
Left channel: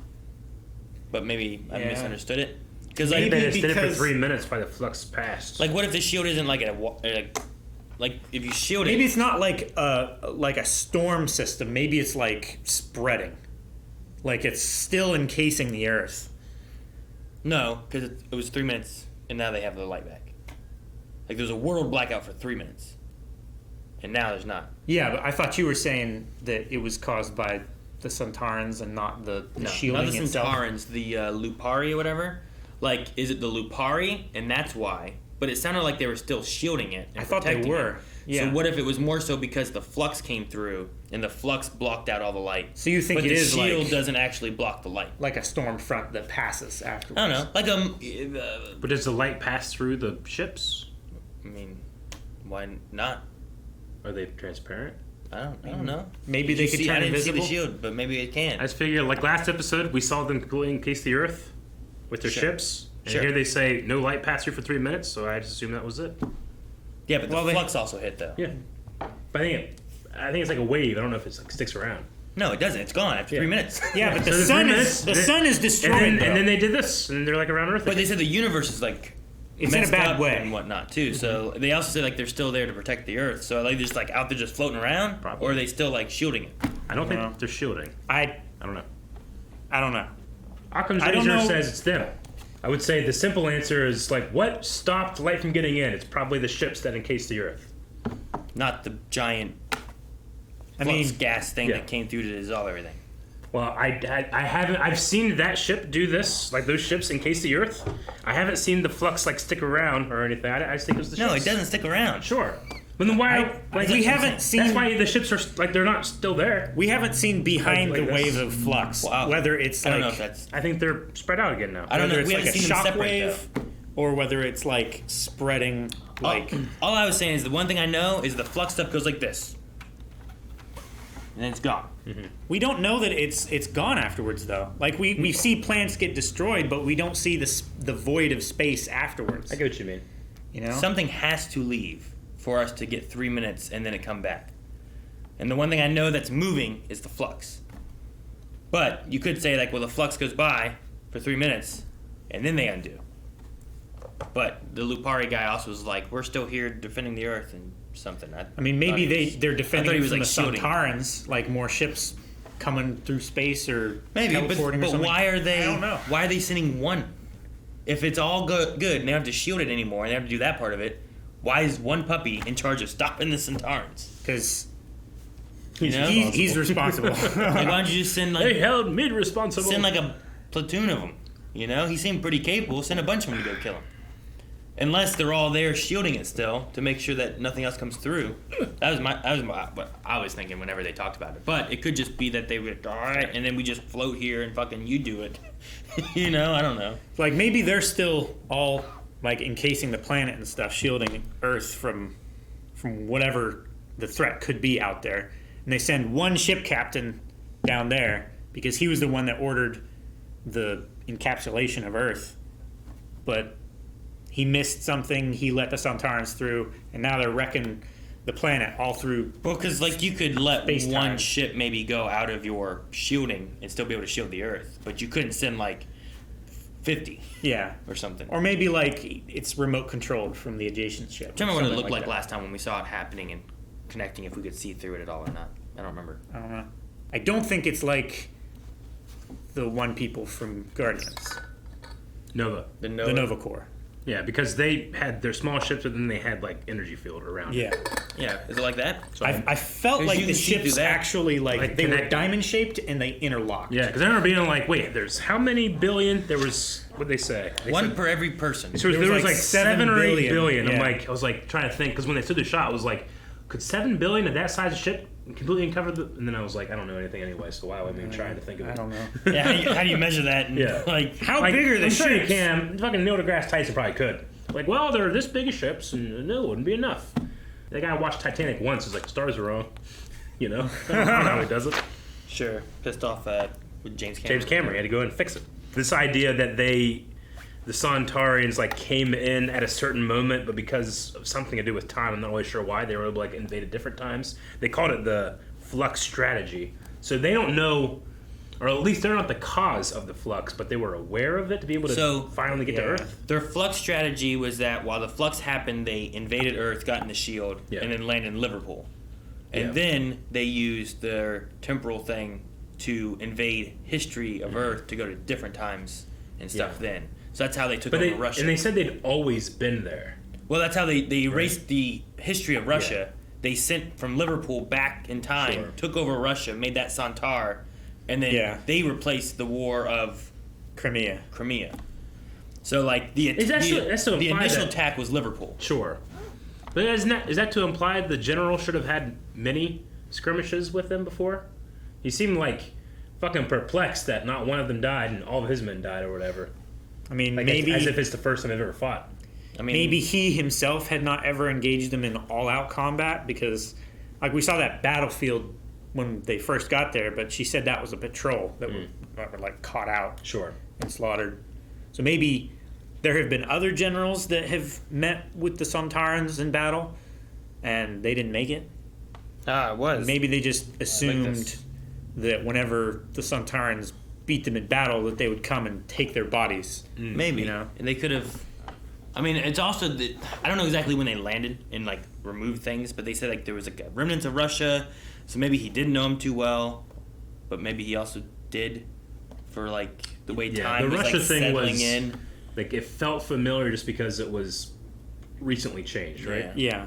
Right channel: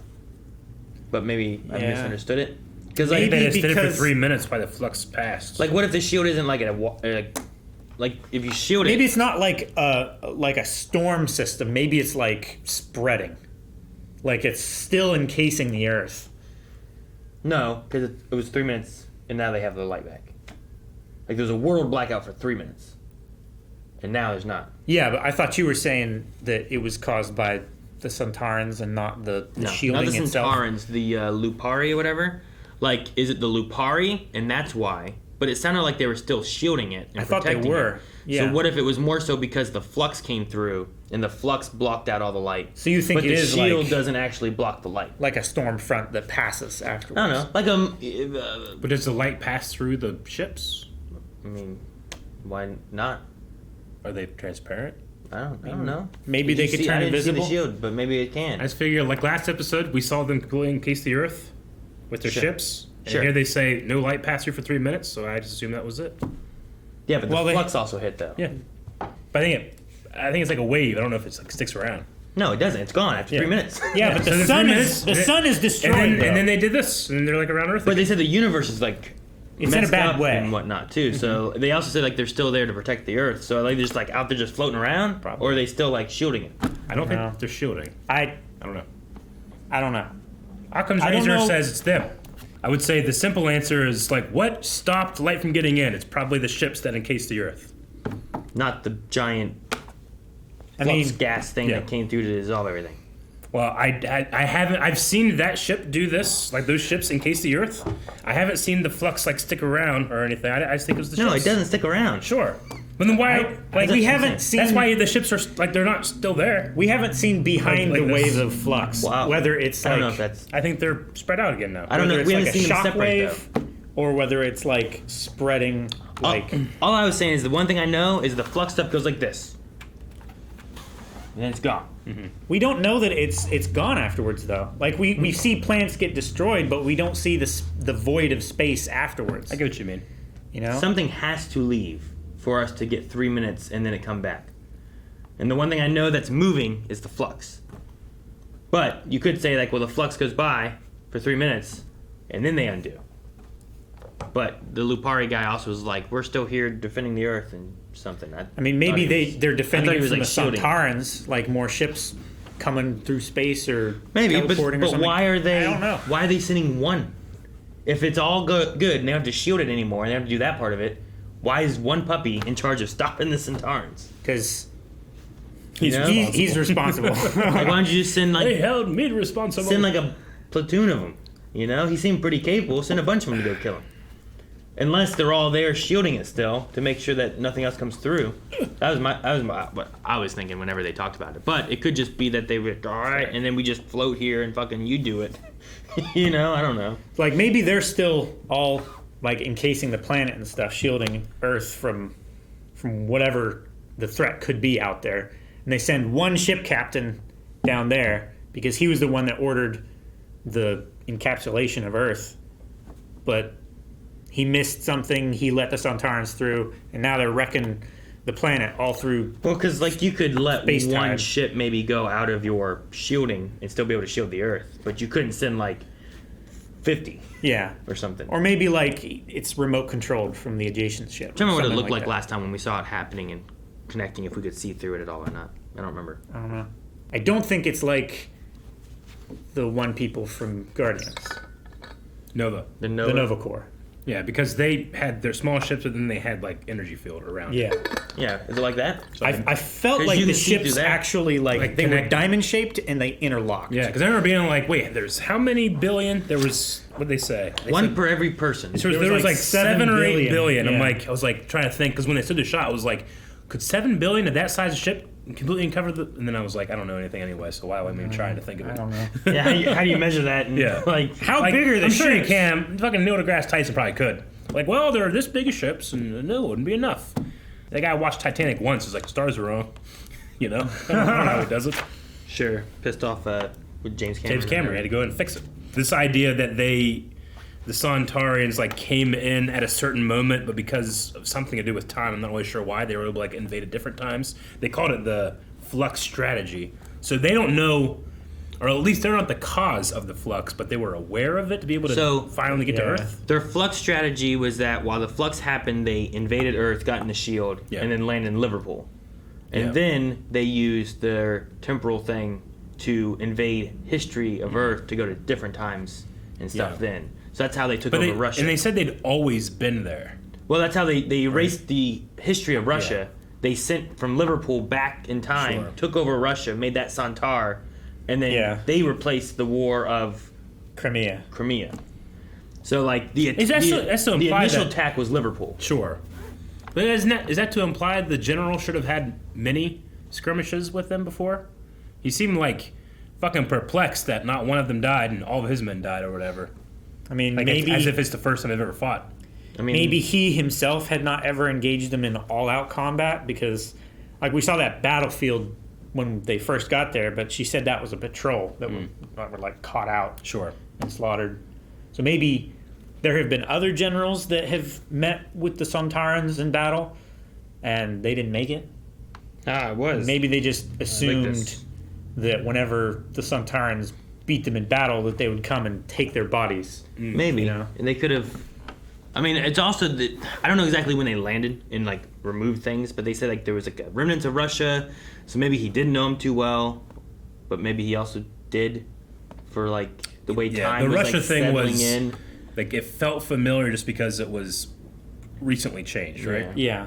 But maybe I misunderstood it. Because like, they extended for 3 minutes by the flux passed. like, what if the shield isn't like like if you shield it? Maybe it's not like a storm system. Maybe it's like spreading. Like it's still encasing the Earth. No, because it was 3 minutes, and now they have the light back. Like there's a world blackout for 3 minutes, and now there's not. Yeah, but I thought you were saying that it was caused by the Sontarans and not the shielding not the itself. Sontarans, the Lupari or whatever. Like, is it the Lupari, and that's why? But it sounded like they were still shielding it. And I thought they protecting were. it. Yeah. So what if it was more so because the flux came through and the flux blocked out all the light? So you think but it the is shield like doesn't actually block the light? like a storm front that passes afterwards? I don't know. Like But does the light pass through the ships? I mean, why not? Are they transparent? I don't know. Maybe they could turn I didn't see invisible. the shield, but maybe it can. I just figure, like last episode, we saw them completely encase the Earth with their Sure. ships. And Sure. here they say no light passed through for 3 minutes, so I just assume that was it. Yeah, but the flux also hit though. Yeah. But I think it's like a wave. I don't know if it's like sticks around. No, it doesn't. It's gone after 3 minutes. Yeah, but the So sun 3 is minutes, sun is destroyed. And bro. then they did this, and they're like around Earth. But they said the universe is like It's in a messed bad up way. and whatnot too. So they also said like they're still there to protect the Earth. So like they're just like out there just floating around, or are they still like shielding it? I don't No. think they're shielding. I don't know. I don't know. Occam's I don't razor know. says it's them. I would say the simple answer is like, what stopped light from getting in? It's probably the ships that encased the Earth. Not the giant I flux mean, gas thing that came through to dissolve everything. Well, I haven't. I've seen that ship do this, like those ships encase the Earth. I haven't seen the flux like stick around or anything. I just think it was the No, ships. it doesn't stick around. Sure. But then why? Like we haven't seen. That's why the ships are like they're not still there. We haven't seen behind Like the this. wave of flux. Wow. Whether it's I like don't know if that's. I think they're spread out again now. I don't know. whether We it's haven't like a seen them shock separate wave, though. or whether it's like spreading like. All I was saying is the one thing I know is the flux stuff goes like this, and then it's gone. We don't know that it's gone afterwards though. Like we see plants get destroyed, but we don't see the void of space afterwards. I get what you mean. You know, Something has to leave for us to get 3 minutes and then it come back. And the one thing I know that's moving is the flux. But you could say like, well, the flux goes by for 3 minutes and then they undo. But the Lupari guy also was like, we're still here defending the Earth and something. I mean, maybe thought he was- they're I defending thought he it was, from like, the shielding. Sontarans, like more ships coming through space or Maybe, teleporting or but something. why are they? I don't know. Why are they sending one? If it's all good, and they don't have to shield it anymore, and they don't have to do that part of it, why is one puppy in charge of stopping the Sontarans? Because You know? he's responsible. Like, why don't you just send They like held me responsible. send like a platoon of them? You know, he seemed pretty capable. Send a bunch of them to go kill him. Unless they're all there shielding it still to make sure that nothing else comes through. That was what I was thinking whenever they talked about it. But it could just be that they were all right, and then we just float here and fucking you do it. You know, I don't know. Like maybe they're still all like encasing the planet and stuff, shielding Earth from whatever the threat could be out there. And they send one ship captain down there because he was the one that ordered the encapsulation of Earth. But he missed something, he let the Sontarans through, and now they're wrecking the planet all through. Well, because like you could let Space-time. one ship maybe go out of your shielding and still be able to shield the Earth, but you couldn't send like 50 Yeah. or something. Or maybe like it's remote controlled from the adjacent ship. I don't remember what it Something looked like that. last time when we saw it happening and connecting, if we could see through it at all or not. I don't remember. I don't know. I don't think it's like the one people from Guardians. Nova. The The Nova Corps. Yeah, because they had their small ships, but then they had like energy field around. Yeah. Yeah, is it like that? So I felt 'Cause like you the can see through ships that. actually Like, they were connect- diamond shaped and they interlocked. yeah, because I remember being like, wait, there's how many billion? There was, what did they say? They One said- per every person. So There there was was like like 7 or 8 billion. billion. Yeah. I was like trying to think, because when they said the shot, I was like, could 7 billion of that size of ship completely cover the? And then I was like, I don't know anything anyway, so why am I trying to think of it? I don't know. Yeah, how do you measure that? And, Yeah. like How Like, big are the I'm sure you ships? can. Fucking Neil deGrasse Tyson probably could. Like, well, they're this big of ships, and no, it wouldn't be enough. That guy watched Titanic once. He's like, the stars are wrong. You know? I don't know how he does it. sure, pissed off with James Cameron. James Cameron had to go in and fix it. This idea that the Sontarans like came in at a certain moment, but because of something to do with time, I'm not really sure why, they were like invade at different times. They called it the flux strategy. So they don't know, or at least they're not the cause of the flux, but they were aware of it to be able to finally get to yeah. Earth. Their flux strategy was that while the flux happened, they invaded Earth, got in the shield, Yeah. and then landed in Liverpool. And Yeah. then they used their temporal thing to invade history of Earth to go to different times and stuff Yeah. then. So that's how they took But over they, Russia. and they said they'd always been there. Well, that's how they erased the history of Russia. They sent from Liverpool back in time, Sure. took over Russia, made that Sontar, and then Yeah. they replaced the war of Crimea. Crimea. So like the Is that so- that's to the imply initial that- attack was Liverpool. Sure. But is that to imply the general should have had many skirmishes with them before? He seemed like fucking perplexed that not one of them died and all of his men died or whatever. I mean, Like maybe as if it's the first time they've ever fought. I mean, maybe he himself had not ever engaged them in all-out combat because, like, we saw that battlefield when they first got there, but she said that was a patrol that were like caught out Sure. and slaughtered. So maybe there have been other generals that have met with the Sontarans in battle, and they didn't make it. it was. Maybe they just assumed this. that whenever the Sontarans beat them in battle, that they would come and take their bodies. Maybe. You know? And they could have. I mean, it's also that I don't know exactly when they landed and like removed things, but they said like there was like a remnants of Russia, so maybe he didn't know him too well, but maybe he also did for like the way time the was Russia like thing settling was in. like it felt familiar just because it was recently changed, right? Yeah.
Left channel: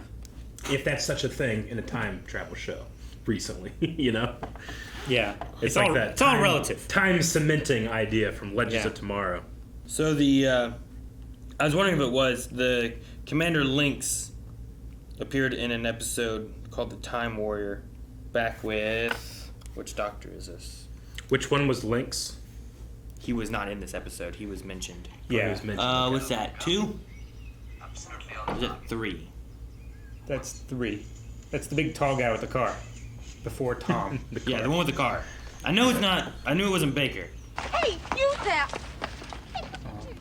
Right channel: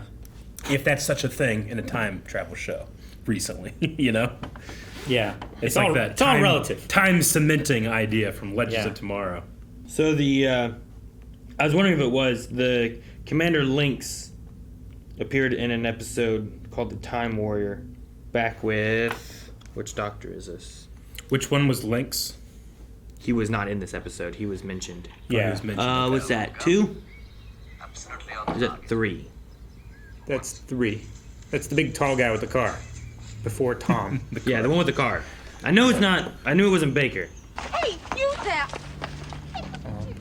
If that's such a thing in a time travel show, recently, you know. Yeah. It's like all, that. It's all relative. Time cementing idea from Legends Yeah. of Tomorrow. So I was wondering if it was the Commander Lynx appeared in an episode called The Time Warrior, back with which Doctor is this? Which one was Lynx? He was not in this episode. He was mentioned. Yeah. What's that? 2? Is that 3? That's 3. That's the big tall guy with the car. Before Tom. Yeah, the one with the car. I know it's not. I knew it wasn't Baker. Hey, you there!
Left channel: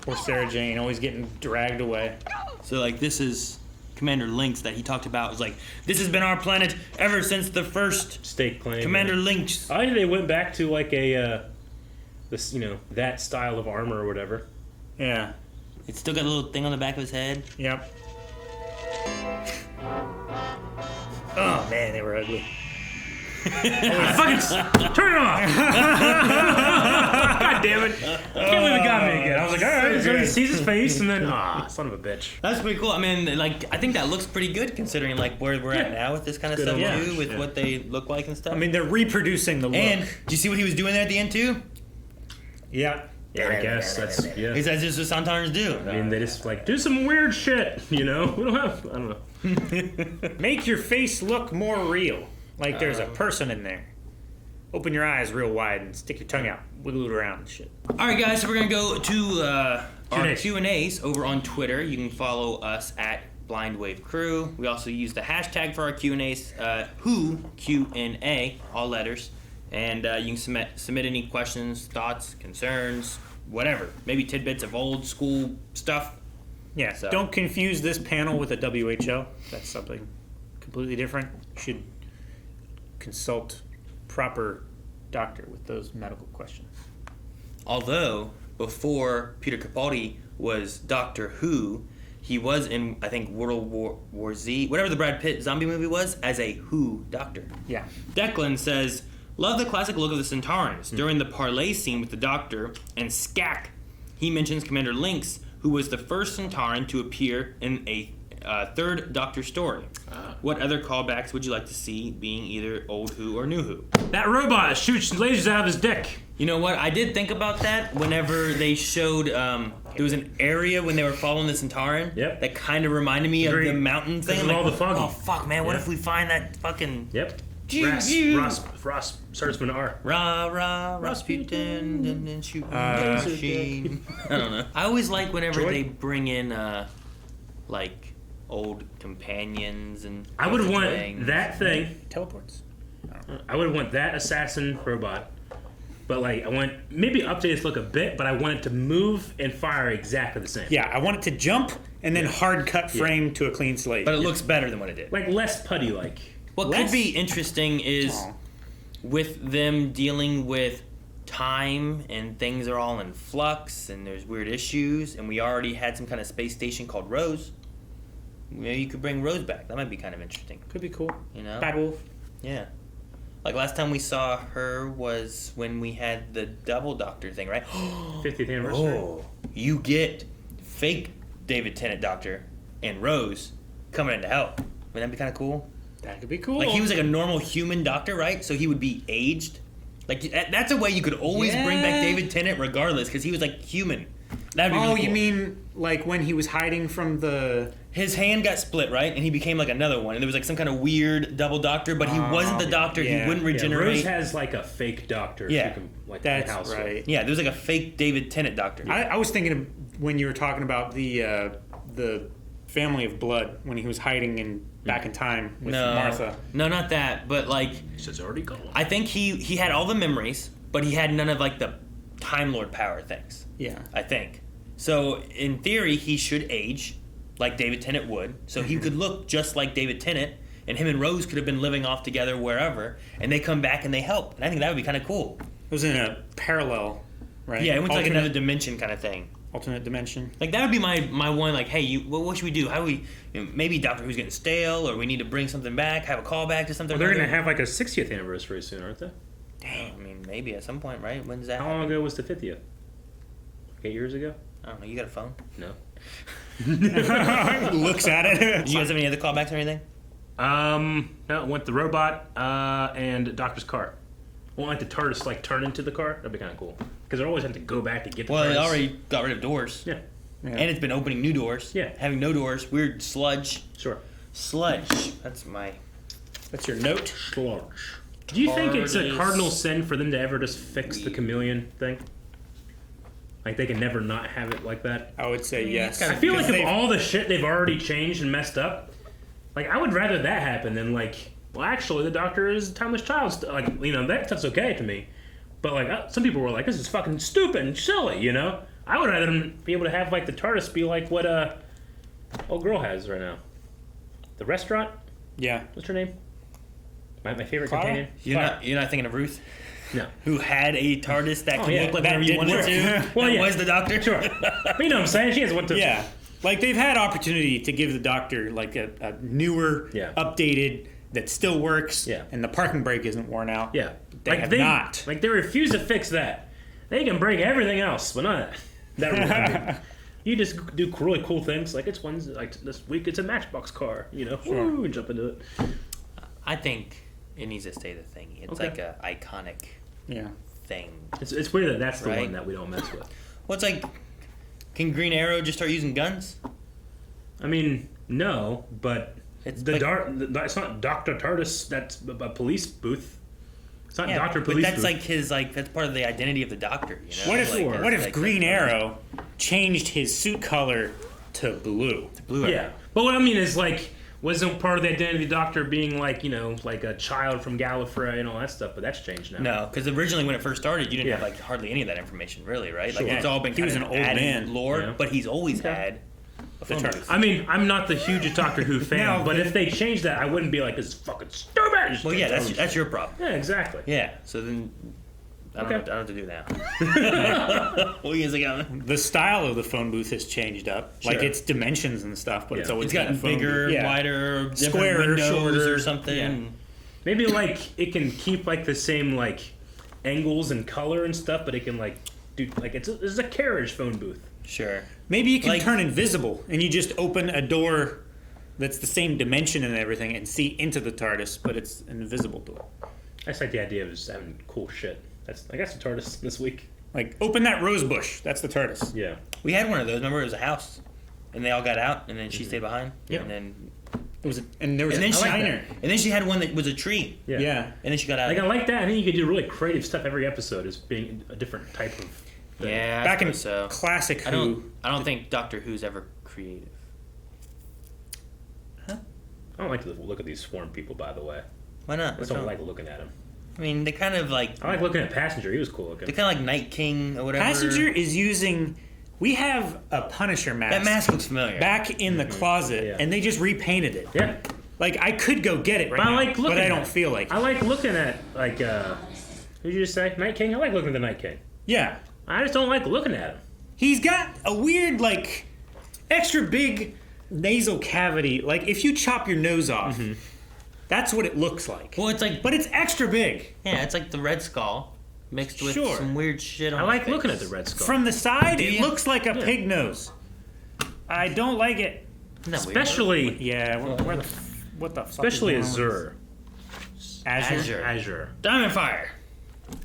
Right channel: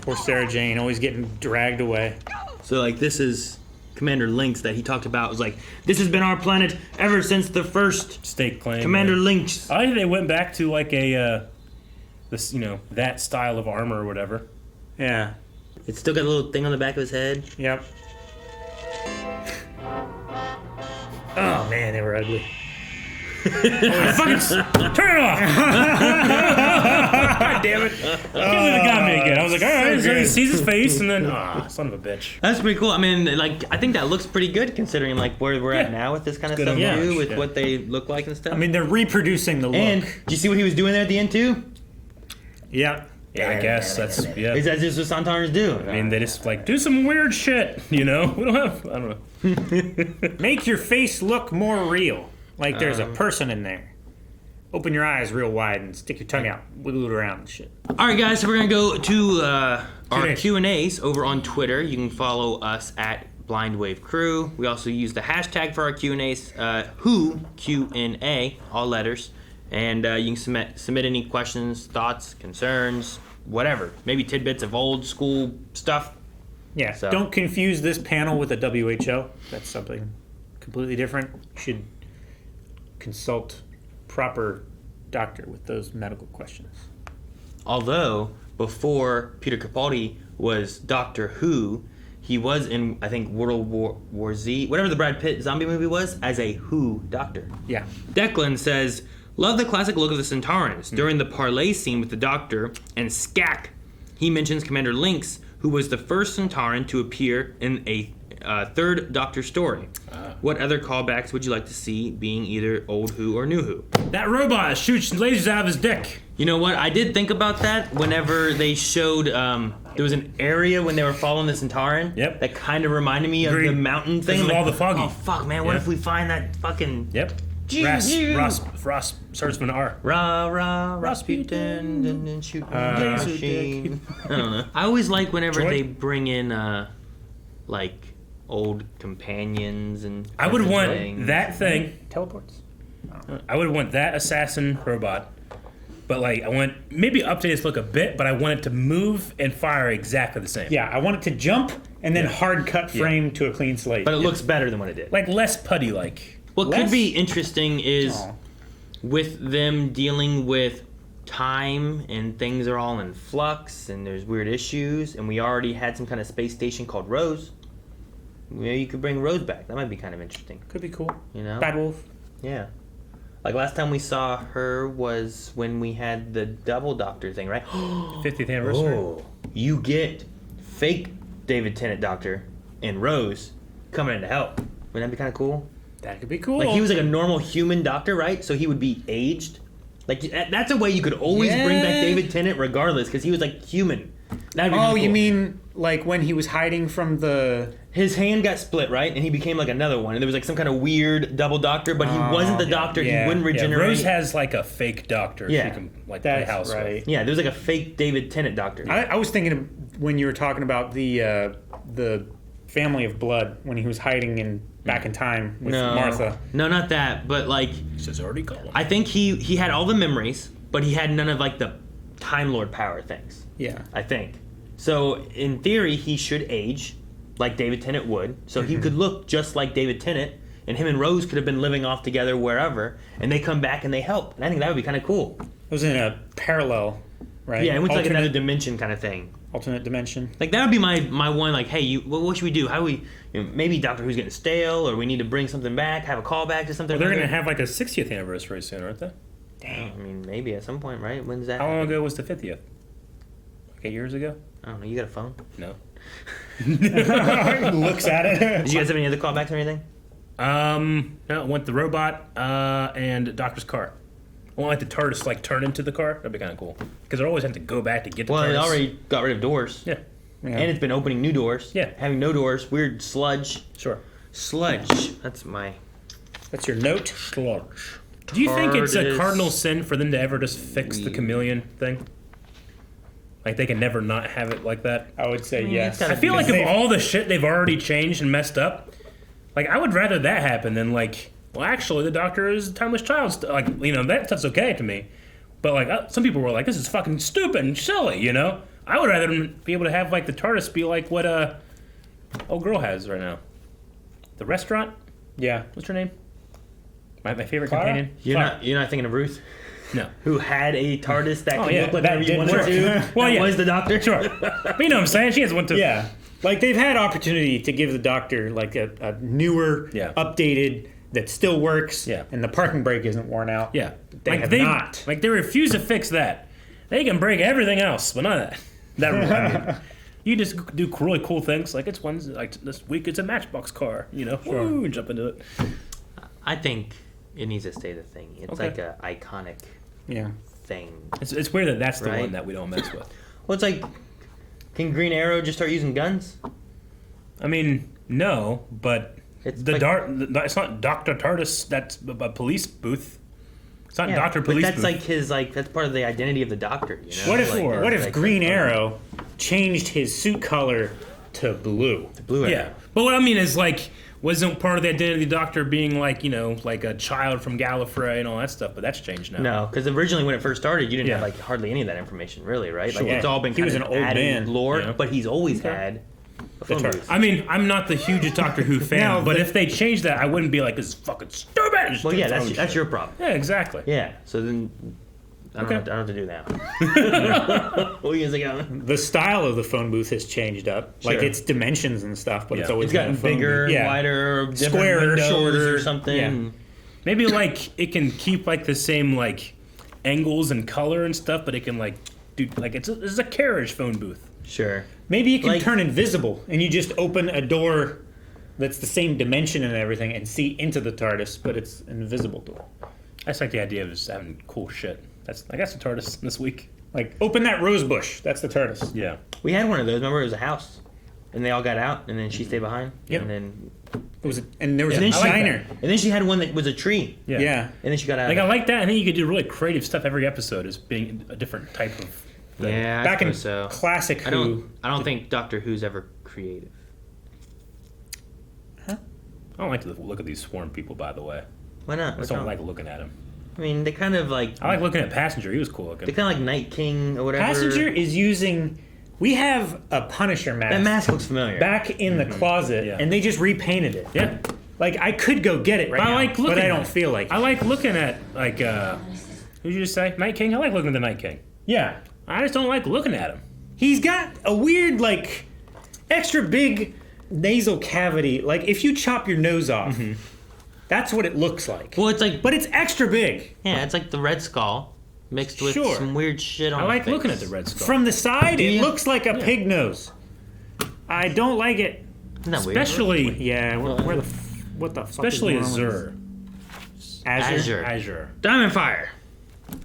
Poor Sarah Jane, always getting dragged away. So like this is Commander Lynx that he talked about. It was like this has been our planet ever since the first Stake claim. Commander Lynx. I think they went back to like a this that style of armor or whatever. Yeah. It's still got a little thing on the back of his head. Yep. Oh man, they were ugly. Turn it off! God damn it! Got me again. I was like, all right, so he sees his face, and then son of a bitch. That's pretty cool. I mean, like I think that looks pretty good considering like where we're at now with this kind of stuff Yeah. too, with what they look like and stuff. I mean, they're reproducing the look. and do you see what he was doing there at the end too? Yeah. Yeah, I guess that's He says this is what Sontarans do. I mean, they just like do some weird shit, We don't have. I don't know. Make your face look more real. Like there's a person in there. Open your eyes real wide and stick your tongue out. Wiggle it around and shit. All right, guys. So we're gonna go to our Q&A. Q&As over on Twitter. You can follow us at Blind Wave Crew. We also use the hashtag for our Q&As. Who Q&A, all letters. And you can submit any questions, thoughts, concerns, whatever. Maybe tidbits of old school stuff. Yeah. So- Don't confuse this panel with a WHO. That's something completely different. You should consult proper doctor with those medical questions. Although, before Peter Capaldi was Doctor Who, he was in, I think, World War Z, whatever the Brad Pitt zombie movie was, as a Who doctor. Yeah. Declan says, love the classic look of the Sontarans. During the parlay scene with the Doctor and Skak, he mentions Commander Lynx, who was the first Sontaran to appear in a third Doctor story. What other callbacks would you like to see being either Old Who or New Who? That robot shoots lasers out of his dick. You know what? I did think about that whenever they showed, there was an area when they were following the Sontaran that kind of reminded me of the mountain thing. Like, all the foggy. Oh, fuck, man. What if we find that fucking... Yep. Ross starts with an R. Rasputin, and shooting machine. I don't know. I always like whenever they bring in, like, old companions and... I would want that thing. Teleports. I would want that assassin robot. But, like, I want maybe update its look a bit, but I want it to move and fire exactly the same. Yeah, I want it to jump and then hard cut frame to a clean slate. But it looks better than what it did. Like, less putty-like. What could be interesting is with them dealing with time and things are all in flux and there's weird issues and we already had some kind of space station called Rose. Maybe you could bring Rose back. That might be kind of interesting. Could be cool. You know? Bad Wolf. Yeah. Like last time we saw her was when we had the double doctor thing, right? 50th anniversary. Oh, you get fake David Tennant Doctor and Rose coming in to help. Wouldn't that be kind of cool? That could be cool. Like he was like a normal human doctor, right? So he would be aged. Like that's a way you could always bring back David Tennant regardless, because he was like human. That'd be really cool. You mean like when he was hiding from the... His hand got split, right? And he became like another one. And there was like some kind of weird double doctor, but he wasn't the doctor. He wouldn't regenerate. Rose has like a fake doctor. Yeah. She can, like, That's play house right. with. Yeah, there was like a fake David Tennant doctor. I was thinking of when you were talking about the Family of Blood, when he was hiding in back in time with Martha. No, not that. But like... It's already gone. I think he had all the memories, but he had none of like the Time Lord power things. Yeah. I think. So in theory, he should age like David Tennant would. So he could look just like David Tennant, and him and Rose could have been living off together wherever, and they come back and they help. And I think that would be kind of cool. It was in a parallel, right? Yeah, it went to like another dimension kind of thing. Alternate dimension. Like that would be my one. Like, hey, what should we do? How do we? Maybe Doctor Who's getting stale, or we need to bring something back, have a callback to something. Well, they're gonna have like a 60th anniversary soon, aren't they? Dang. I mean, maybe at some point, right? When's that? How long ago was the 50th? Like 8 years ago? I don't know. You got a phone? No. Looks at it. Did you guys have any other callbacks or anything? No, went the robot and Doctor's car. I want like the TARDIS like turn into the car. That'd be kind of cool. Because they're always having to go back to get the TARDIS. Well, they already got rid of doors. Yeah. And it's been opening new doors. Yeah. Having no doors. Weird sludge. Sure. Sludge. That's your note. Sludge. Do you think it's a cardinal sin for them to ever just fix the chameleon thing? Like they can never not have it like that? I would say yes. I feel like if all the shit they've already changed and messed up, like I would rather that happen than like, well, actually the Doctor is a timeless child. Like, you know, that stuff's okay to me. But like some people were like, this is fucking stupid and silly, you know? I would rather them be able to have like the TARDIS be like what old girl has right now. The restaurant? Yeah. What's her name? My favorite Clara? companion? You're not thinking of Ruth? No. Who had a TARDIS that could look like that whatever you wanted to? Well, that was the Doctor? Sure. But you know what I'm saying? She has one too. Yeah. Like they've had opportunity to give the Doctor like a newer, updated, that still works, and the parking brake isn't worn out. Yeah. They have not. Like they refuse to fix that. They can break everything else, but not that. I mean, you just do really cool things. Like it's one like this week it's a Matchbox car, you know. Sure. Ooh, jump into it. I think it needs to stay the thing. It's like a iconic thing. It's weird that that's the right? one that we don't mess with. Well, it's like, can Green Arrow just start using guns? I mean, no, but it's not Dr. TARDIS. That's a police booth. It's not Dr. Police. But that's booth. like that's part of the identity of the Doctor. You know? What if Green Arrow changed his suit color to blue? Yeah, but what I mean is like, wasn't part of the identity of the Doctor being like, you know, like a child from Gallifrey and all that stuff, but that's changed now. No, because originally when it first started, you didn't have like hardly any of that information, really, right? Like it's all been he was kind an of old added man. lore, but he's always had a phone booth. I mean, I'm not the hugest Doctor Who fan, but if they changed that, I wouldn't be like, this is fucking stupid. Well, yeah, that's your problem. Yeah, exactly. Yeah, so then I don't know what to do now. What are you guys going? The style of the phone booth has changed up. Like its dimensions and stuff, but it's always it's gotten bigger, wider, different square, windows shorter, or something. Yeah. Maybe like it can keep like the same like angles and color and stuff, but it can like do like it's a carriage phone booth. Sure. Maybe it can Like- turn invisible, and you just open a door that's the same dimension and everything, and see into the TARDIS, but it's an invisible door. I just like the idea of just having cool shit. I got some TARDIS this week. Like, open that rose bush. That's the TARDIS. Yeah. We had one of those. Remember, it was a house, and they all got out, and then she stayed behind. Yep. And then And there was And a then she- shiner. and then she had one that was a tree. Yeah. Yeah. And then she got out. Like, of I it. like that. I think you could do really creative stuff every episode as being a different type of thing. Yeah, I Back in suppose so. classic I Who. don't think Doctor Who's ever creative. I don't like to look at these swarm people, by the way. Why not? I What's just don't wrong? like looking at them. I mean, they kind of like I like looking at Passenger. He was cool looking. they're kind of like Night King or whatever. Passenger is using. We have a Punisher mask. That mask looks familiar. Back in the closet, Yeah. and they just repainted it. Yeah. Like, I could go get it right But I now, like looking but I at don't it. feel like it. I like looking at, like, who did you just say? Night King? I like looking at the Night King. Yeah. I just don't like looking at him. He's got a weird, like, extra big nasal cavity. Like, if you chop your nose off, that's what it looks like. Well, it's like But it's extra big. yeah, it's like the Red Skull mixed with Sure. some weird shit on. I like his face. looking at the Red Skull. From the side, Do it you? looks like a pig nose. I don't like it. Isn't that weird? Especially, Yeah, what the fuck especially is going on Azure. with- Azure. Azure. Diamond Fire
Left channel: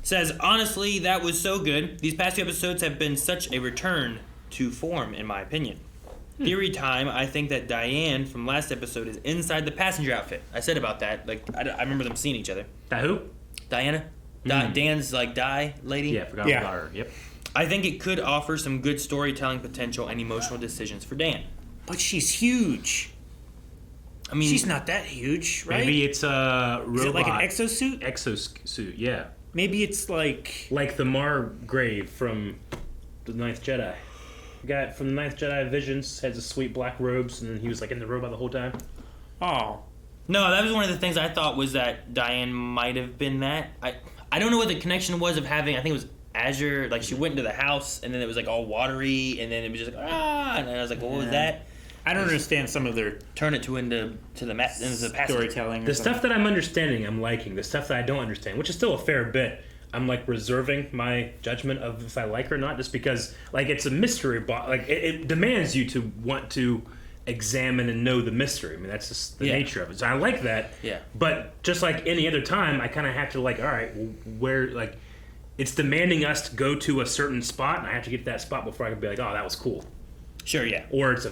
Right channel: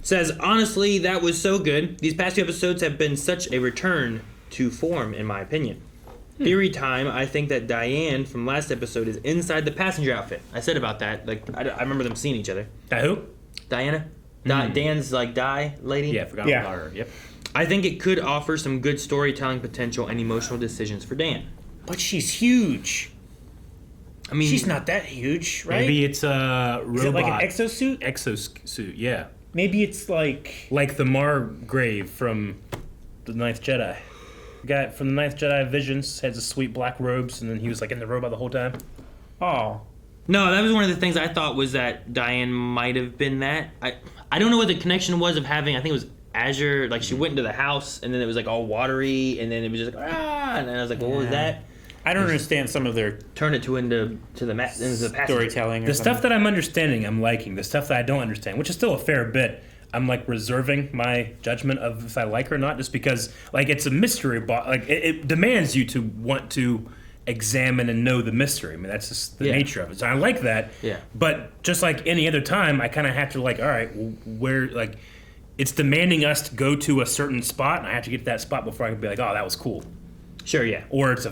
says, honestly, that was so good. These past 2 episodes have been such a return to form, in my opinion. Theory time, I think that Diane from last episode is inside the passenger outfit. I said about that. Like, I remember them seeing each other. That who? Diana? Dan's, like, lady? Yeah, I forgot Yeah. about her. Yep. I think it could offer some good storytelling potential and emotional decisions for Dan. But she's huge. I mean, She's not that huge, right? Maybe it's a robot. Is it like an exosuit? exosuit, yeah. Maybe it's like... Like the Margrave from the Ninth Jedi. The guy from the Ninth Jedi Visions had the sweet black robes, and then he was like in the robot the whole time. Oh. No, that was one of the things I thought was that Diane might have been that. I don't know what the connection was of having, I think it was Azure, like she went into the house and then it was like all watery and then it was just like, and then I was like, well, what was that? I don't understand some of their Turn it into the passenger. storytelling. Or The something. stuff that I'm understanding, I'm liking. The stuff that I don't understand, which is still a fair bit, I'm like reserving my judgment of if I like or not, just because like it's a mystery. Like it demands you to want to examine and know the mystery. I mean, that's just the nature of it. So I like that. Yeah. But just like any other time, I kind of have to like, all right, where like it's demanding us to go to a certain spot, and I have to get to that spot before I can be like, oh, that was cool. Sure, yeah. Or it's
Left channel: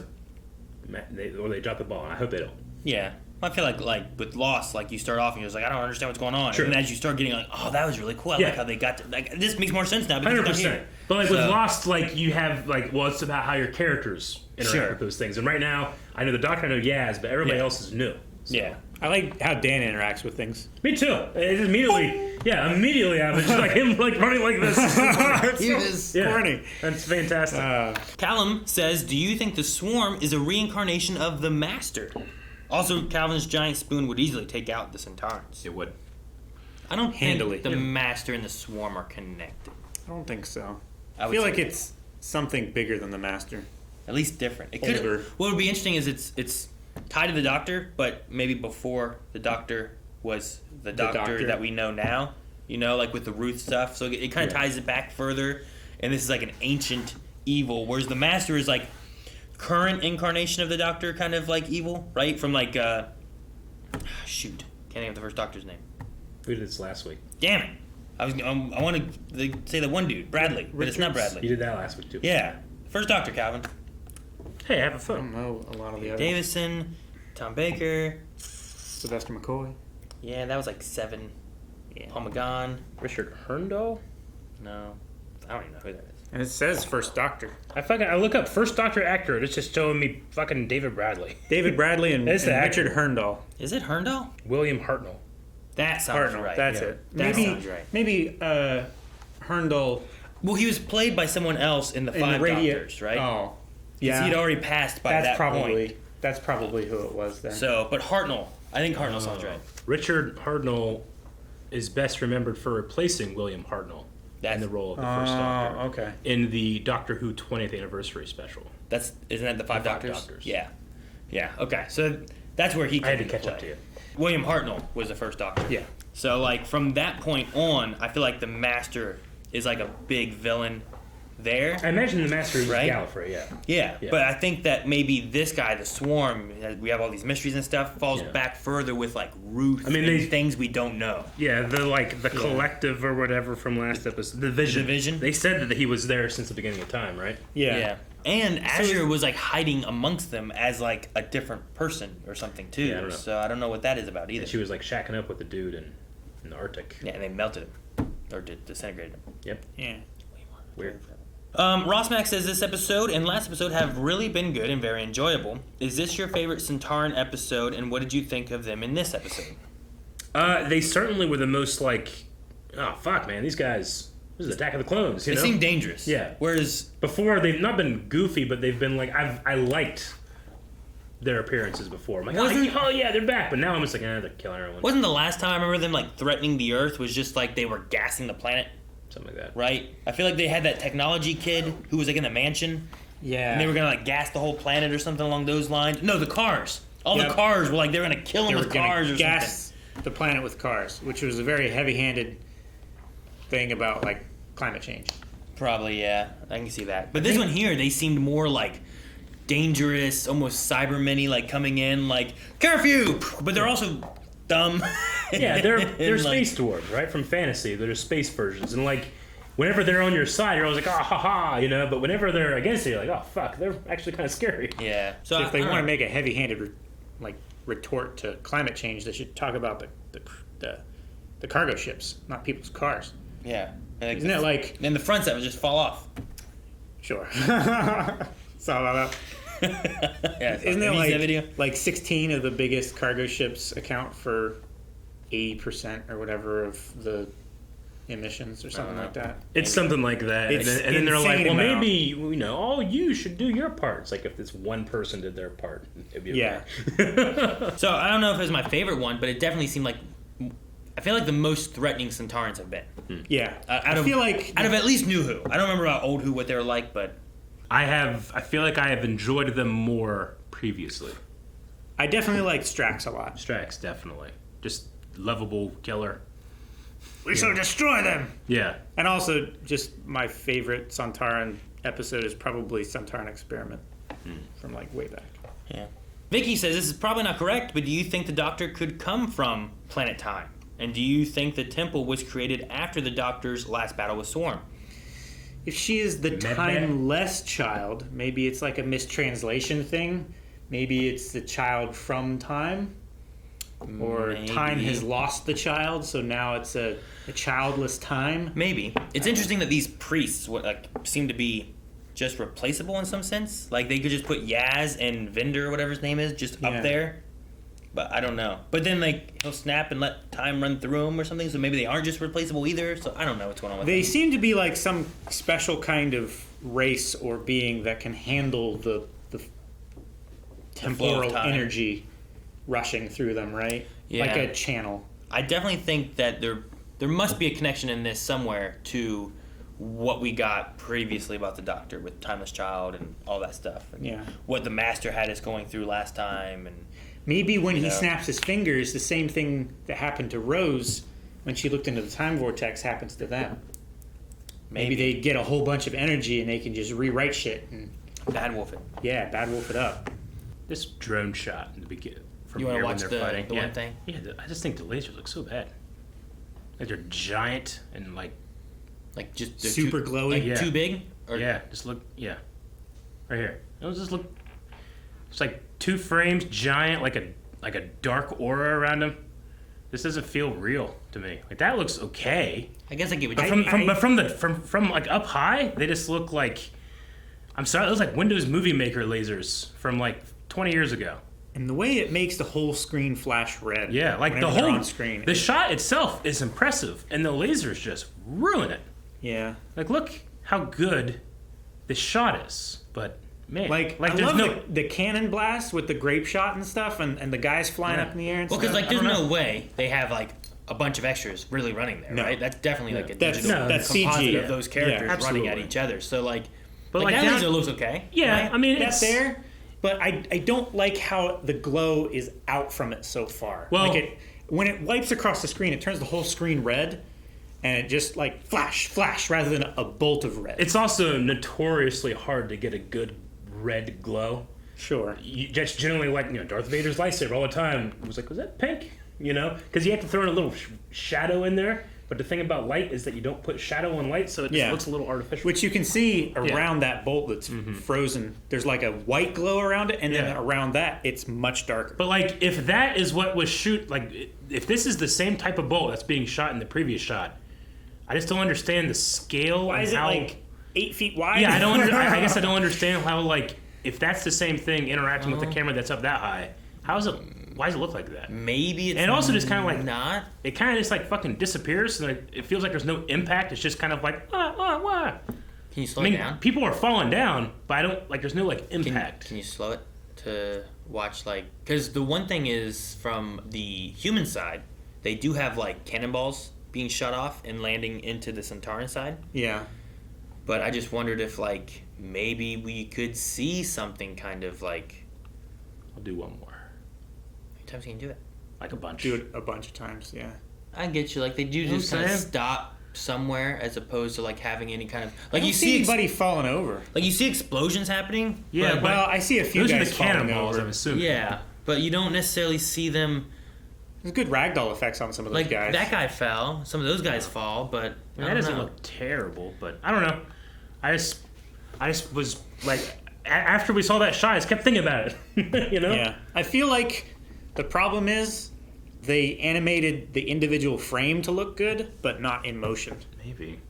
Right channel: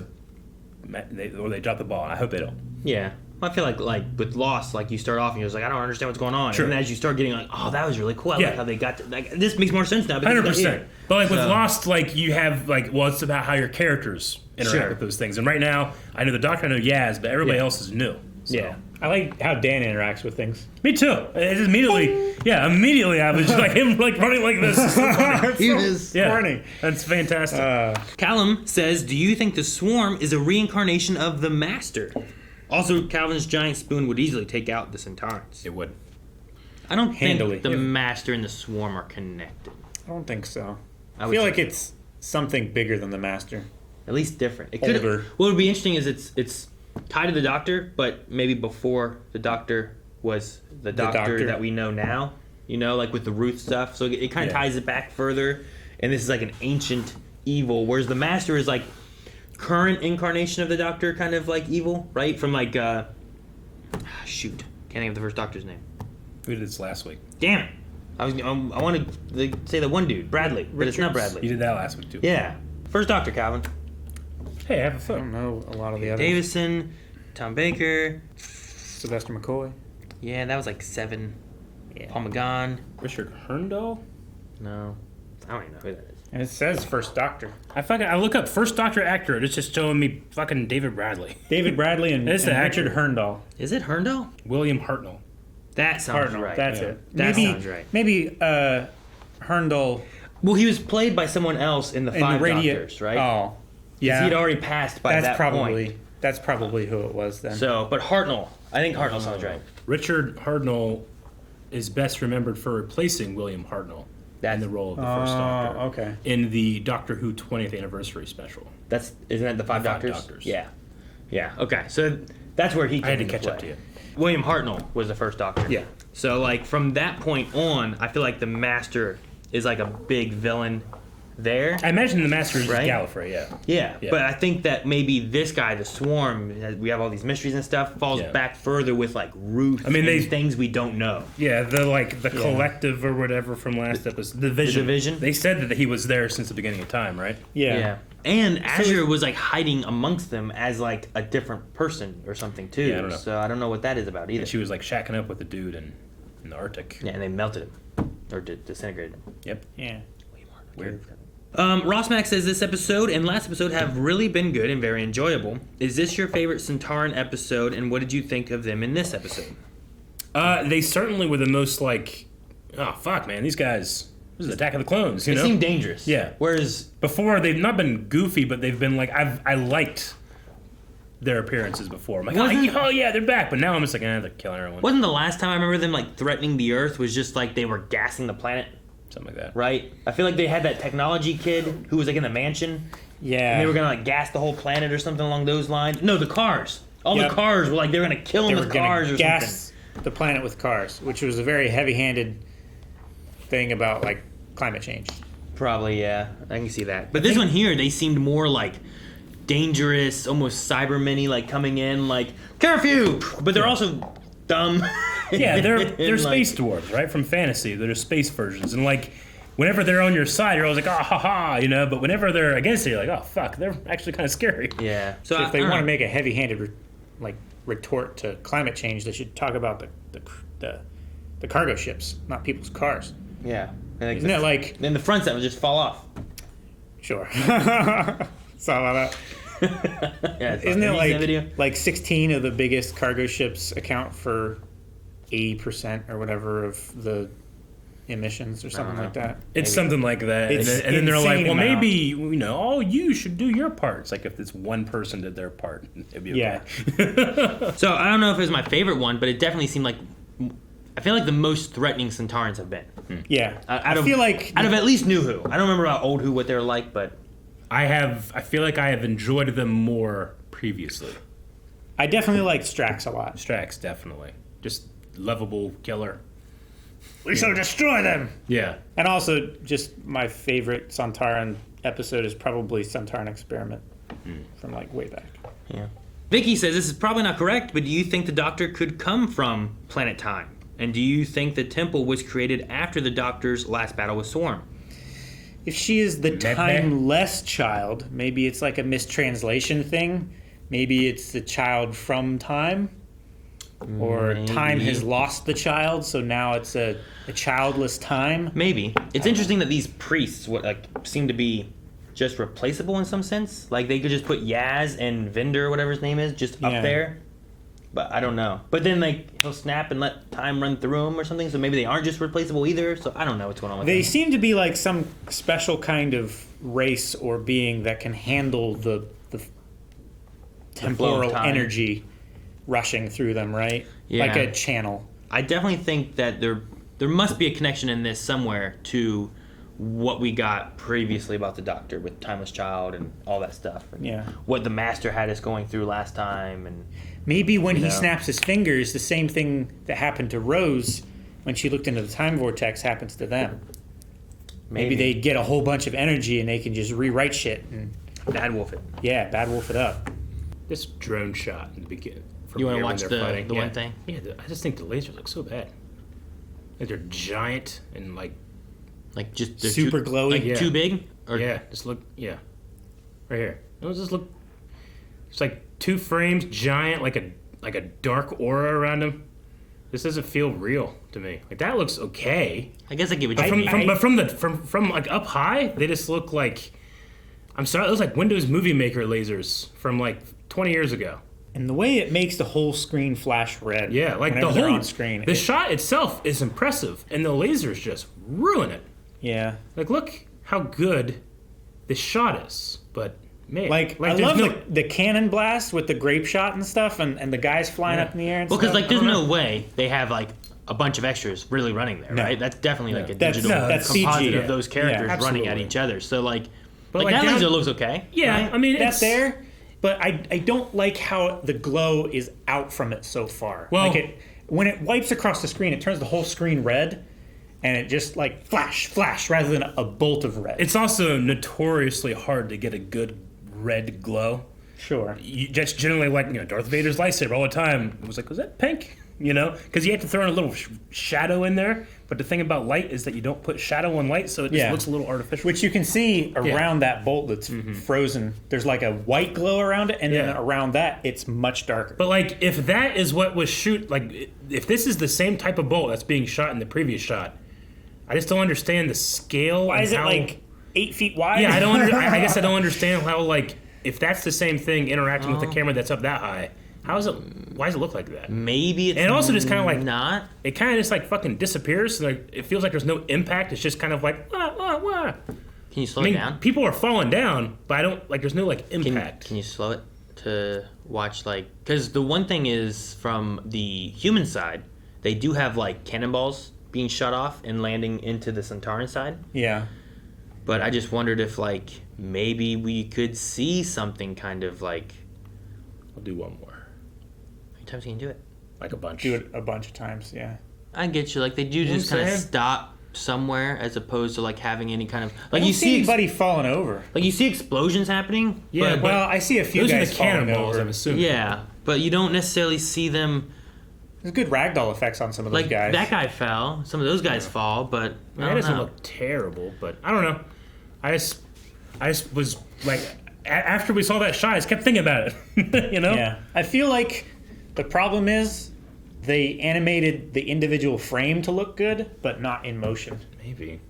when they drop the ball. I hope they don't. Yeah. I feel like with Lost, like you start off and you're just like, I don't understand what's going on. Sure. And then as you start getting like, oh, that was really cool. I like how they got to, like, this makes more sense now. because it's 100%. here. But like with So- Lost, like you have like, well, it's about how your characters interact with those things. And right now, I know the Doctor, I know Yaz, but everybody else is new. So. Yeah. I like how Dan interacts with things. Me too. It's immediately I was just like him like running like this. He was corny. That's fantastic. Callum says, do you think the Swarm is a reincarnation of the Master? Also, Calvin's giant spoon would easily take out the Sontarans. It would. I don't Handily. think the Master and the Swarm are connected. I don't think so. I I would feel say- like it's something bigger than the Master. At least different. It could. Older. What would be interesting is it's tied to the Doctor, but maybe before the Doctor was the Doctor that we know now. You know, like with the Ruth stuff. So it kind of ties it back further. And this is like an ancient evil, whereas the Master is like current incarnation of the Doctor, kind of like evil, right? From like shoot, can't think of the first Doctor's name. We did this last week. Damn it! I want to say the one dude, Bradley, but it's not You Bradley. did that last week too. Yeah, first Doctor, Calvin. Hey, have a I fun. don't know a lot of the others. Davison, Tom Baker. Sylvester McCoy. Yeah, that was like 7. Paul McGon. Richard Herndal? No, I don't even know who that is. And it says First Doctor. I look up first Doctor actor. It's just showing me fucking David Bradley. David Bradley and, That's and the actor. Richard Herndal. Is it Herndal? William Hartnell. That sounds Hartnell, right. that's Yeah. it. That maybe, sounds right. Maybe Herndal Well, he was played by someone else in the in Five the radio. Doctors, right? Oh, yeah. He'd already passed by that's that probably point. that's probably who it was then. So, but Hartnell. I think Hartnell sounds right. Richard Hartnell is best remembered for replacing William Hartnell in the role of the first Doctor. Okay. In the Doctor Who 20th anniversary special. Isn't that the Five Doctors? Doctors. Yeah. Yeah. Okay. So that's where he I had came to into catch play. up to you. William Hartnell was the first Doctor. Yeah. So like from that point on, I feel like the Master is like a big villain there. I imagine the Master is Right? Gallifrey, yeah. Yeah, Yeah. but I think that maybe this guy, the Swarm, we have all these mysteries and stuff, falls back further with like Ruth. I mean, and things we don't know. Yeah, the collective or whatever from last episode. The Division. They said that he was there since the beginning of time, right? Yeah. And Azure was like hiding amongst them as like a different person or something too. Yeah, I don't know. So I don't know what that is about either. And she was like shacking up with the dude in the Arctic. Yeah, and they melted him or disintegrated him. Yep. Yeah. Weird. Ross Mack says this episode and last episode have really been good and very enjoyable. Is this your favorite Sontaran episode, and what did you think of them in this episode? They certainly were the most like, oh fuck, man, these guys. This is Attack of the Clones. They seem dangerous. Yeah. Whereas before they've not been goofy, but they've been like I liked their appearances before. I'm like, oh yeah, they're back. But now I'm just like, they're killing everyone. Wasn't the last time I remember them like threatening the Earth was just like they were gassing the planet? Something like that. Right? I feel like they had that technology kid who was like in the mansion. Yeah. And they were gonna like gas the whole planet or something along those lines. No, the cars. All the cars were like they were gonna kill them with cars or gas something. the planet with cars, which was a very heavy-handed thing about like climate change. Probably, yeah. I can see that. But this one here, they seemed more like dangerous, almost Cybermen-y, like coming in like curfew, but they're also dumb. Yeah, they're like, space dwarves, right? From fantasy, they're just versions, and like whenever they're on your side, you're always like, oh, ha ha, you know. But whenever they're against you, you're like, oh fuck, they're actually kind of scary. Yeah. So if they want to make a heavy-handed retort to climate change, they should talk about the cargo ships, not people's cars. Yeah. Isn't it like? Then the fronts that would just fall off. Sure. Saw that. Yeah, Isn't it video? like 16 of the biggest cargo ships account for 80% or whatever of the emissions or something like that? It's something like that. It's and then they're like, well, amount. maybe, you know, oh, you should do your part. It's like if this one person did their part, it'd be okay. Yeah. So I don't know if it was my favorite one, but it definitely seemed like I feel like the most threatening Sontarans have been. Yeah. Out of at least New Who. I don't remember about Old Who what they were like, but I feel like I have enjoyed them more previously. I definitely like Strax a lot. Strax, definitely. Just lovable killer. We shall destroy them. Yeah. And also, just my favorite Sontaran episode is probably Sontaran Experiment from like way back. Yeah. Vicky says this is probably not correct, but do you think the Doctor could come from Planet Time? And do you think the temple was created after the Doctor's last battle with Swarm? If she is the timeless child, maybe it's like a mistranslation thing. Maybe it's the child from time. Or time has lost the child, so now it's a childless time. Maybe. It's interesting that these priests seem to be just replaceable in some sense. Like they could just put Yaz and Vinder, whatever his name is, just up there. But I don't know. But then he'll snap and let time run through him or something, so maybe they aren't just replaceable either. So I don't know what's going on with them. They seem to be like some special kind of race or being that can handle the temporal energy rushing through them, right? Yeah. Like a channel. I definitely think that there must be a connection in this somewhere to what we got previously about the Doctor with Timeless Child and all that stuff. And what the Master had us going through last time. And maybe when he snaps his fingers, the same thing that happened to Rose when she looked into the time vortex happens to them. Maybe they get a whole bunch of energy and they can just rewrite shit and Bad Wolf it. Yeah, Bad Wolf it up. This drone shot in the beginning. You want to watch the one thing? Yeah, I just think the lasers look so bad. Like they're giant and like just super glowy, like too big. Or just look, right here. It'll just look. It's like 2 frames, giant, like a dark aura around them. This doesn't feel real to me. Like that looks okay. I guess I get what you mean. But from like up high, they just look like. I'm sorry, those like Windows Movie Maker lasers from like 20 years ago. And the way it makes the whole screen flash red. Yeah, like the whole on screen. The shot itself is impressive, and the lasers just ruin it. Yeah. Like, look how good this shot is, but man, like I love the cannon blast with the grape shot and stuff, and the guys flying up in the air. And well, because stuff. there's no way they have a bunch of extras really running there, right? That's definitely a digital that's composite CG. of those characters running at each other. So but that laser looks okay. Yeah, right? I mean that's there. But I don't like how the glow is out from it so far. Well, when it wipes across the screen, it turns the whole screen red, and it just like flash rather than a bolt of red. It's also notoriously hard to get a good red glow. Sure. You just generally Darth Vader's lightsaber all the time. It was like, was that pink? Because you have to throw in a little shadow in there. But the thing about light is that you don't put shadow on light, so it just looks a little artificial. Which you can see around that bolt that's frozen. There's like a white glow around it, and then around that, it's much darker. But if that is what was if this is the same type of bolt that's being shot in the previous shot, I just don't understand the scale. Why is it 8 feet wide? Yeah, I guess I don't understand how if that's the same thing interacting with the camera that's up that high, why does it look like that? Maybe it's... And also just kind of not. It kind of just fucking disappears. It feels like there's no impact. It's just kind of wah. Can you slow it down? People are falling down, but I don't... there's no impact. Can you slow it to watch because the one thing is from the human side, they do have cannonballs being shot off and landing into the Sontaran side. Yeah. But I just wondered if maybe we could see something kind of I'll do one more. How many times can you do it? A bunch. Do it a bunch of times, yeah. I get you. They do just kind of stop somewhere as opposed to having any kind of you see anybody falling over. You see explosions happening. Yeah, but I see a few those guys are the cannonballs, over. I'm assuming. Yeah, but you don't necessarily see them. There's good ragdoll effects on some of those guys. That guy fell. Some of those guys fall, but that doesn't look terrible. But I don't know. I just was after we saw that shot, I just kept thinking about it. Yeah. I feel like the problem is they animated the individual frame to look good, but not in motion. Maybe.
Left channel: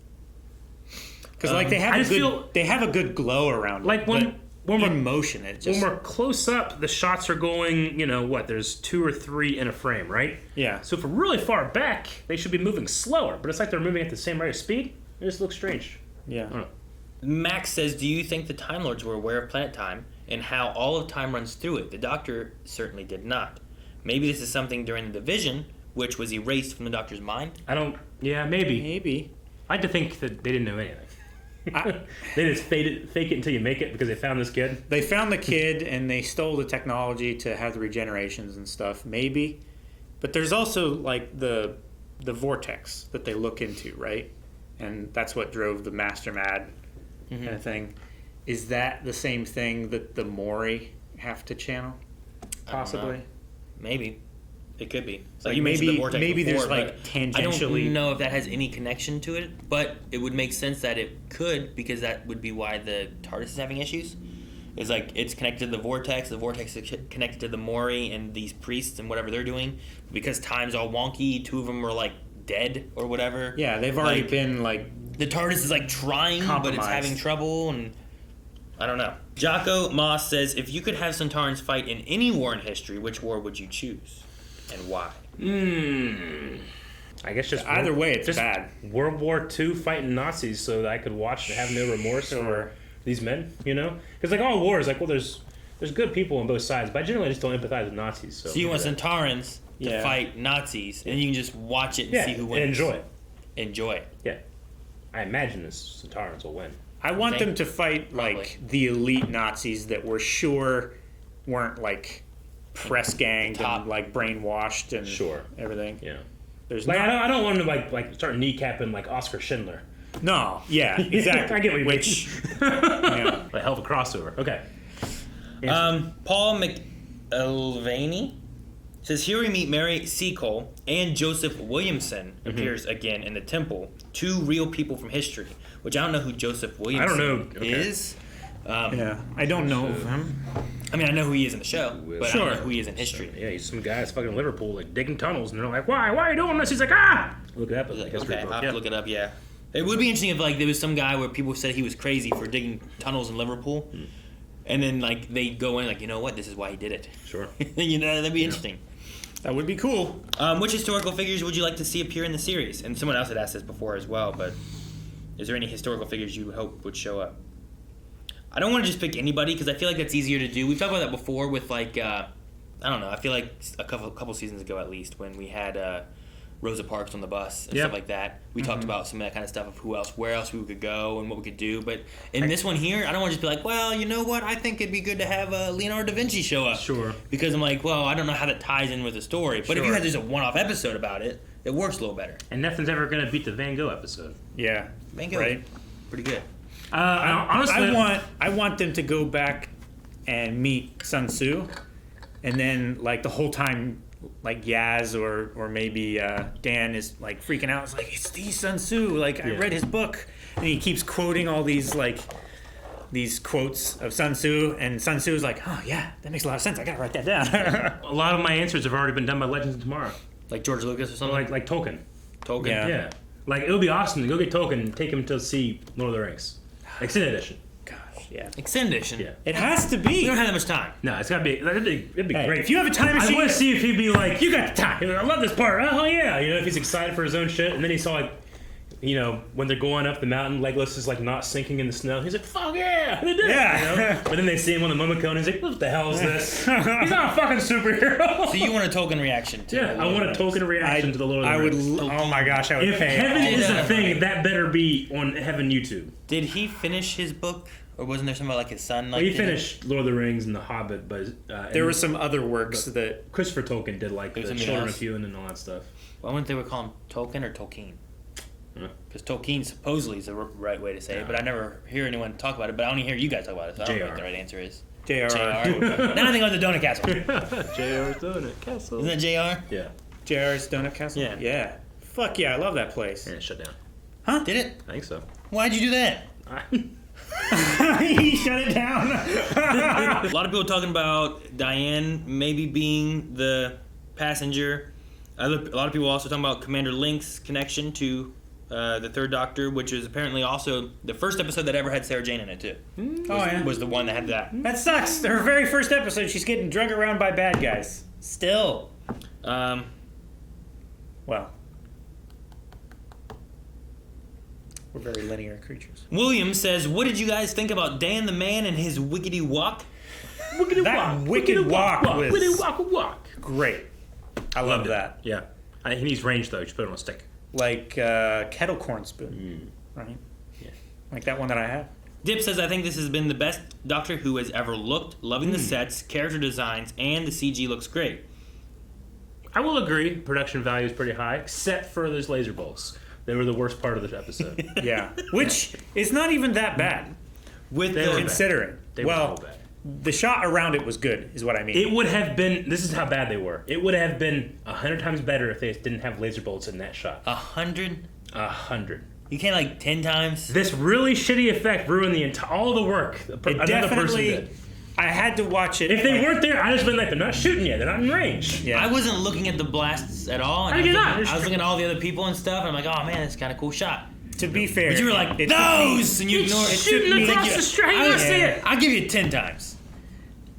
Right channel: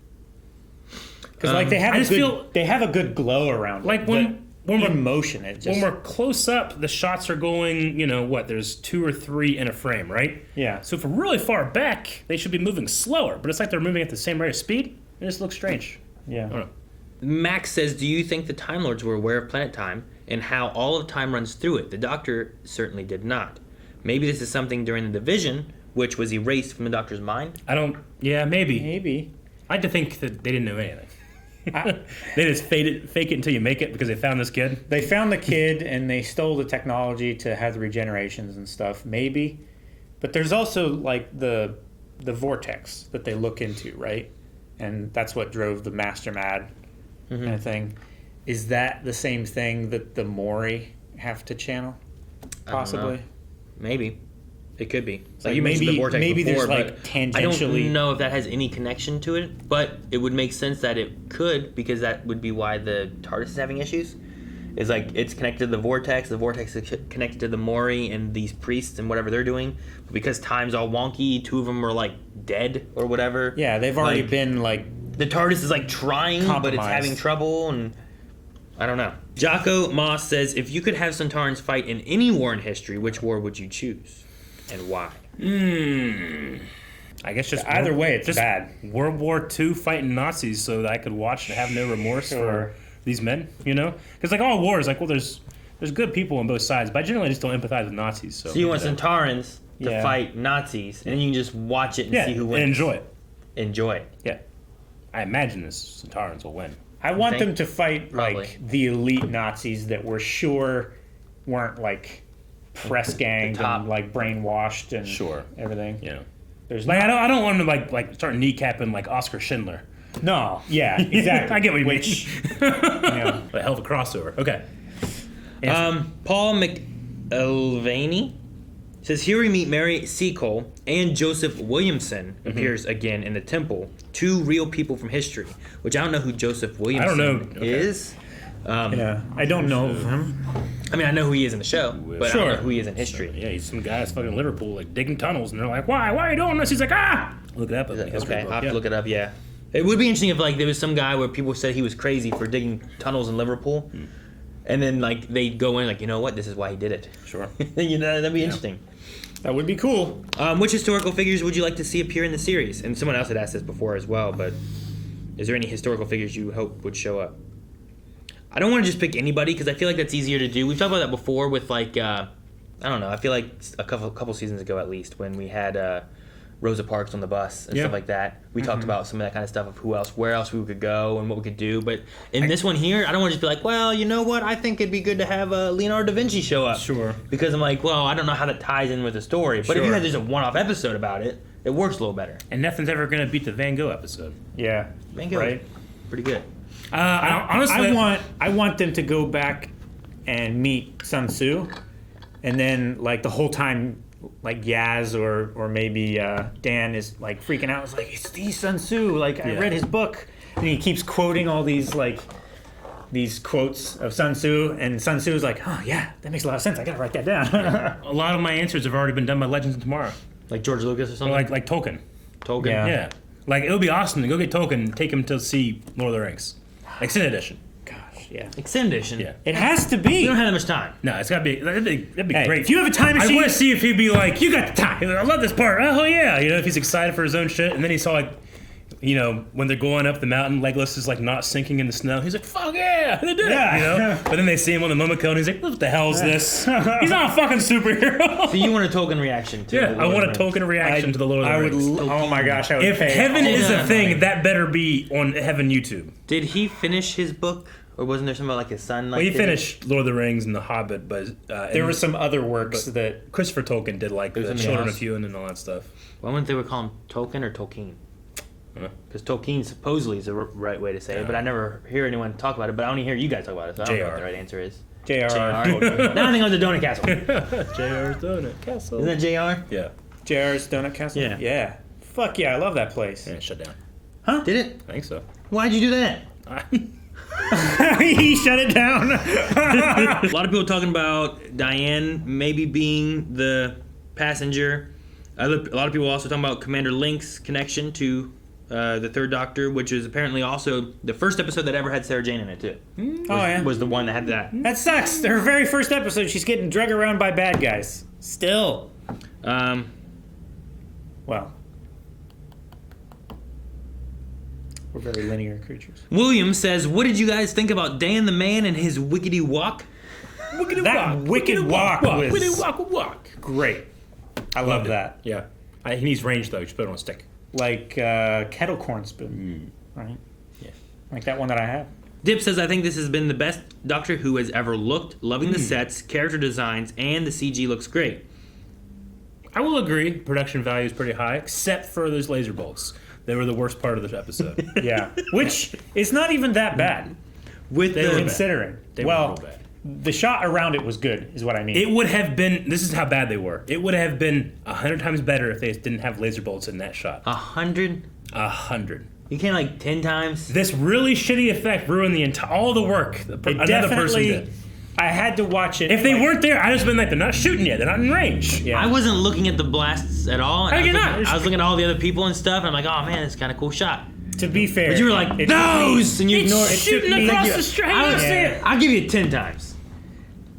Because they have a good glow around it. When we're in motion, it just... When we're close up, the shots are going, there's 2 or 3 in a frame, right? Yeah. So if we're really far back, they should be moving slower, but it's they're moving at the same rate of speed. It just looks strange. Yeah. Max says, do you think the Time Lords were aware of planet time and how all of time runs through it? The Doctor certainly did not. Maybe this is something during the division, which was erased from the Doctor's mind? Yeah, maybe. Maybe. I like to think that they didn't know anything. They just fake it until you make it because they found this kid. They found the kid and they stole the technology to have the regenerations and stuff. Maybe, but there's also the vortex that they look into, right? And that's what drove the Master Mad kind of thing. Is that the same thing that the Mori have to channel? Possibly. Maybe. It could be. You mentioned the vortex before, there's tangentially... I don't know if that has any connection to it, but it would make sense that it could, because that would be why the TARDIS is having issues. It's it's connected to the vortex is connected to the Mori and these priests and whatever they're doing. But because time's all wonky, 2 of them are dead or whatever. Yeah, they've already been the TARDIS is trying, but it's having trouble, and I don't know. Jocko Moss says, if you could have Sontarans fight in any war in history, which war would you choose? And why? I guess just either way, it's bad. World War II fighting Nazis, so that I could watch and have no remorse for these men. Because all wars, there's good people on both sides, but I generally just don't empathize with Nazis. So you want Sontarans to fight Nazis, and you can just watch it and see who wins. And enjoy it. Enjoy it. Yeah, I imagine the Sontarans will win. I want them to fight the elite Nazis that we're sure weren't press ganged and brainwashed and everything. Yeah. There's I don't want them to start kneecapping Oscar Schindler. No. Yeah. Exactly. I get what you mean. Yeah. A hell of a crossover. Okay. Paul McElvaney says, here we meet Mary Seacole and Joseph Williamson appears again in the temple. 2 real people from history, which I don't know who Joseph Williamson is. I don't know him. I mean, I know who he is in the show, but I don't know who he is in history. Yeah, he's some guys fucking in Liverpool digging tunnels, and they're like, why are you doing this? He's like, Look it up. Okay, I'll have to look it up, yeah. It would be interesting if there was some guy where people said he was crazy for digging tunnels in Liverpool, and then they go in you know what, this is why he did it. Sure. That'd be interesting. That would be cool. Which historical figures would you like to see appear in the series? And someone else had asked this before as well, but is there any historical figures you hope would show up? I don't want to just pick anybody because I feel like that's easier to do. We've talked about that before with I don't know. I feel like a couple seasons ago at least when we had Rosa Parks on the bus and stuff like that. We talked about some of that kind of stuff of where else we could go and what we could do. But in this one here, I don't want to just be well, you know what? I think it'd be good to have Leonardo da Vinci show up. Sure. Because I'm I don't know how that ties in with the story. But if you had just a one-off episode about it, it works a little better. And nothing's ever gonna beat the Van Gogh episode. Yeah. Van Gogh, Right. pretty good. Honestly, I want them to go back and meet Sun Tzu, and then like the whole time, like Yaz or maybe Dan is like freaking out. It's like it's the Sun Tzu. Like I read his book, and he keeps quoting all these like these quotes of Sun Tzu, and Sun Tzu is like, oh yeah, that makes a lot of sense. I gotta write that down. a lot of my answers have already been done by Legends of Tomorrow. Like George Lucas or Or something. like Tolkien. Tolkien. Yeah. Like it'll be awesome to go get Tolkien, take him to see Lord of the Rings, extended edition. Gosh, yeah. Extended edition. Yeah. It has to We be. don't have that much time. No, it's gotta be. That'd be Hey, great. if you have a time I machine, want to see if he'd be like, you got the time. he's like, I love this part. Oh yeah, you know, if he's excited for his own shit, and then he saw like, you know, when they're going up the mountain, Legolas is like not sinking in the snow. He's like, fuck yeah, they did it, Yeah. you know? But then they see him on the Momoko, and he's like, what the hell is this? He's not a fucking superhero. So you want a Token reaction to Yeah, the I Lord want a of the Rings. token reaction to the Lord of the I would. Rings. Oh my gosh, I would. If pay heaven all is that a thing, money. that better be on Heaven YouTube. Did he finish his book, or wasn't there something about like his son? Like Well, he did finished Lord of the Rings and The Hobbit, but There were some other works that Christopher Tolkien did, like There's the something Children else. of Huon and all that stuff. Why wouldn't they call him Tolkien or Tolkien? Huh? Because Tolkien supposedly is the right way to say it, but I never hear anyone talk about it. But I only hear you guys talk about it, so I don't know what JR. the right answer is. J.R. Now I think of the Donut Castle. J.R.'s Donut Castle. Isn't that JR? Yeah. J.R.'s Donut Castle. Yeah. Yeah. Fuck yeah, I love that place. Yeah, shut down. Did it? I think so. Why'd you do that? He shut it down. A lot of people talking about Diane maybe being the passenger. A lot of people also talking about Commander Link's connection to the Third Doctor, which is apparently also the first episode that ever had Sarah Jane in it too. Oh yeah. Was the one that had that. That sucks. Her very first episode, she's getting dragged around by bad guys. Still. Well. We're very linear creatures. William says, "What did you guys think about Dan the Man and his wickety walk?" That wicked walk was Wicked walk. great. I love that. Yeah. He needs range, though. You should put it on a stick. Like kettle corn spoon. Right? Yeah. Like that one that I have. Dip says, "I think this has been the best Doctor Who has ever looked. Loving the sets, character designs, and the CG looks great." I will agree. Production value is pretty high, except for those laser bolts. They were the worst part of the episode. Yeah. Which is not even that bad. With They the were Considering. They were Well, real bad. the shot around it was good, is what I mean. It would have been. This is how bad they were. It would have been 100 times better if they didn't have laser bolts in that shot. 100. 100. You can't like 10 times. This really shitty effect ruined the entire all the work. It definitely. I had to watch it. If they weren't there, I'd just been like, they're not shooting yet. They're not in range. Yeah. I wasn't looking at the blasts at all. And How you not? I was looking at all the other people and stuff, and I'm like, oh man, it's kind of cool shot. To be fair, But you were like, it took me- those! And you ignored it. shooting took me- across Like, the street. I I was understand. I'll give you 10 times.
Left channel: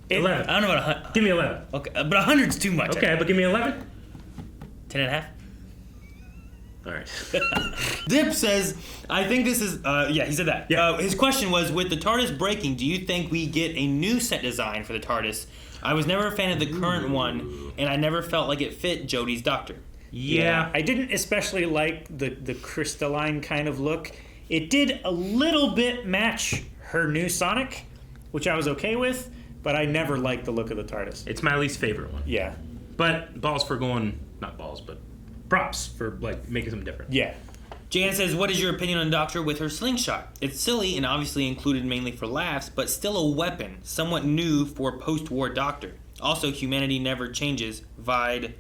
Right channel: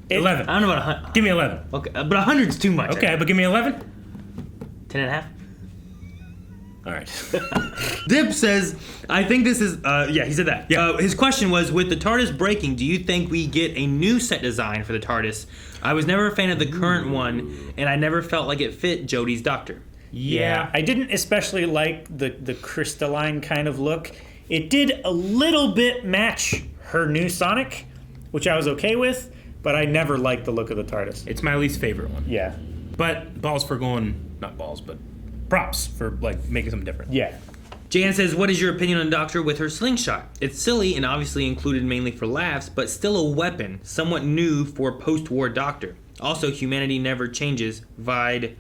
11. I don't know what 100. Give me 11. Okay, but 100's too much. Okay, but give me 11. 10 and a half. All right. Dip says, I think this is, yeah, he said that. Yeah. His question was, with the TARDIS breaking, do you think we get a new set design for the TARDIS? I was never a fan of the current one, and I never felt like it fit Jodie's Doctor. Yeah. I didn't especially like the crystalline kind of look. It did a little bit match her new Sonic, which I was okay with, but I never liked the look of the TARDIS. It's my least favorite one. Yeah. But balls for going, not balls, but props for like making something different. Yeah. Jan says, what is your opinion on Doctor with her slingshot? It's silly and obviously included mainly for laughs, but still a weapon, somewhat new for post-war Doctor. Also, humanity never changes. Vide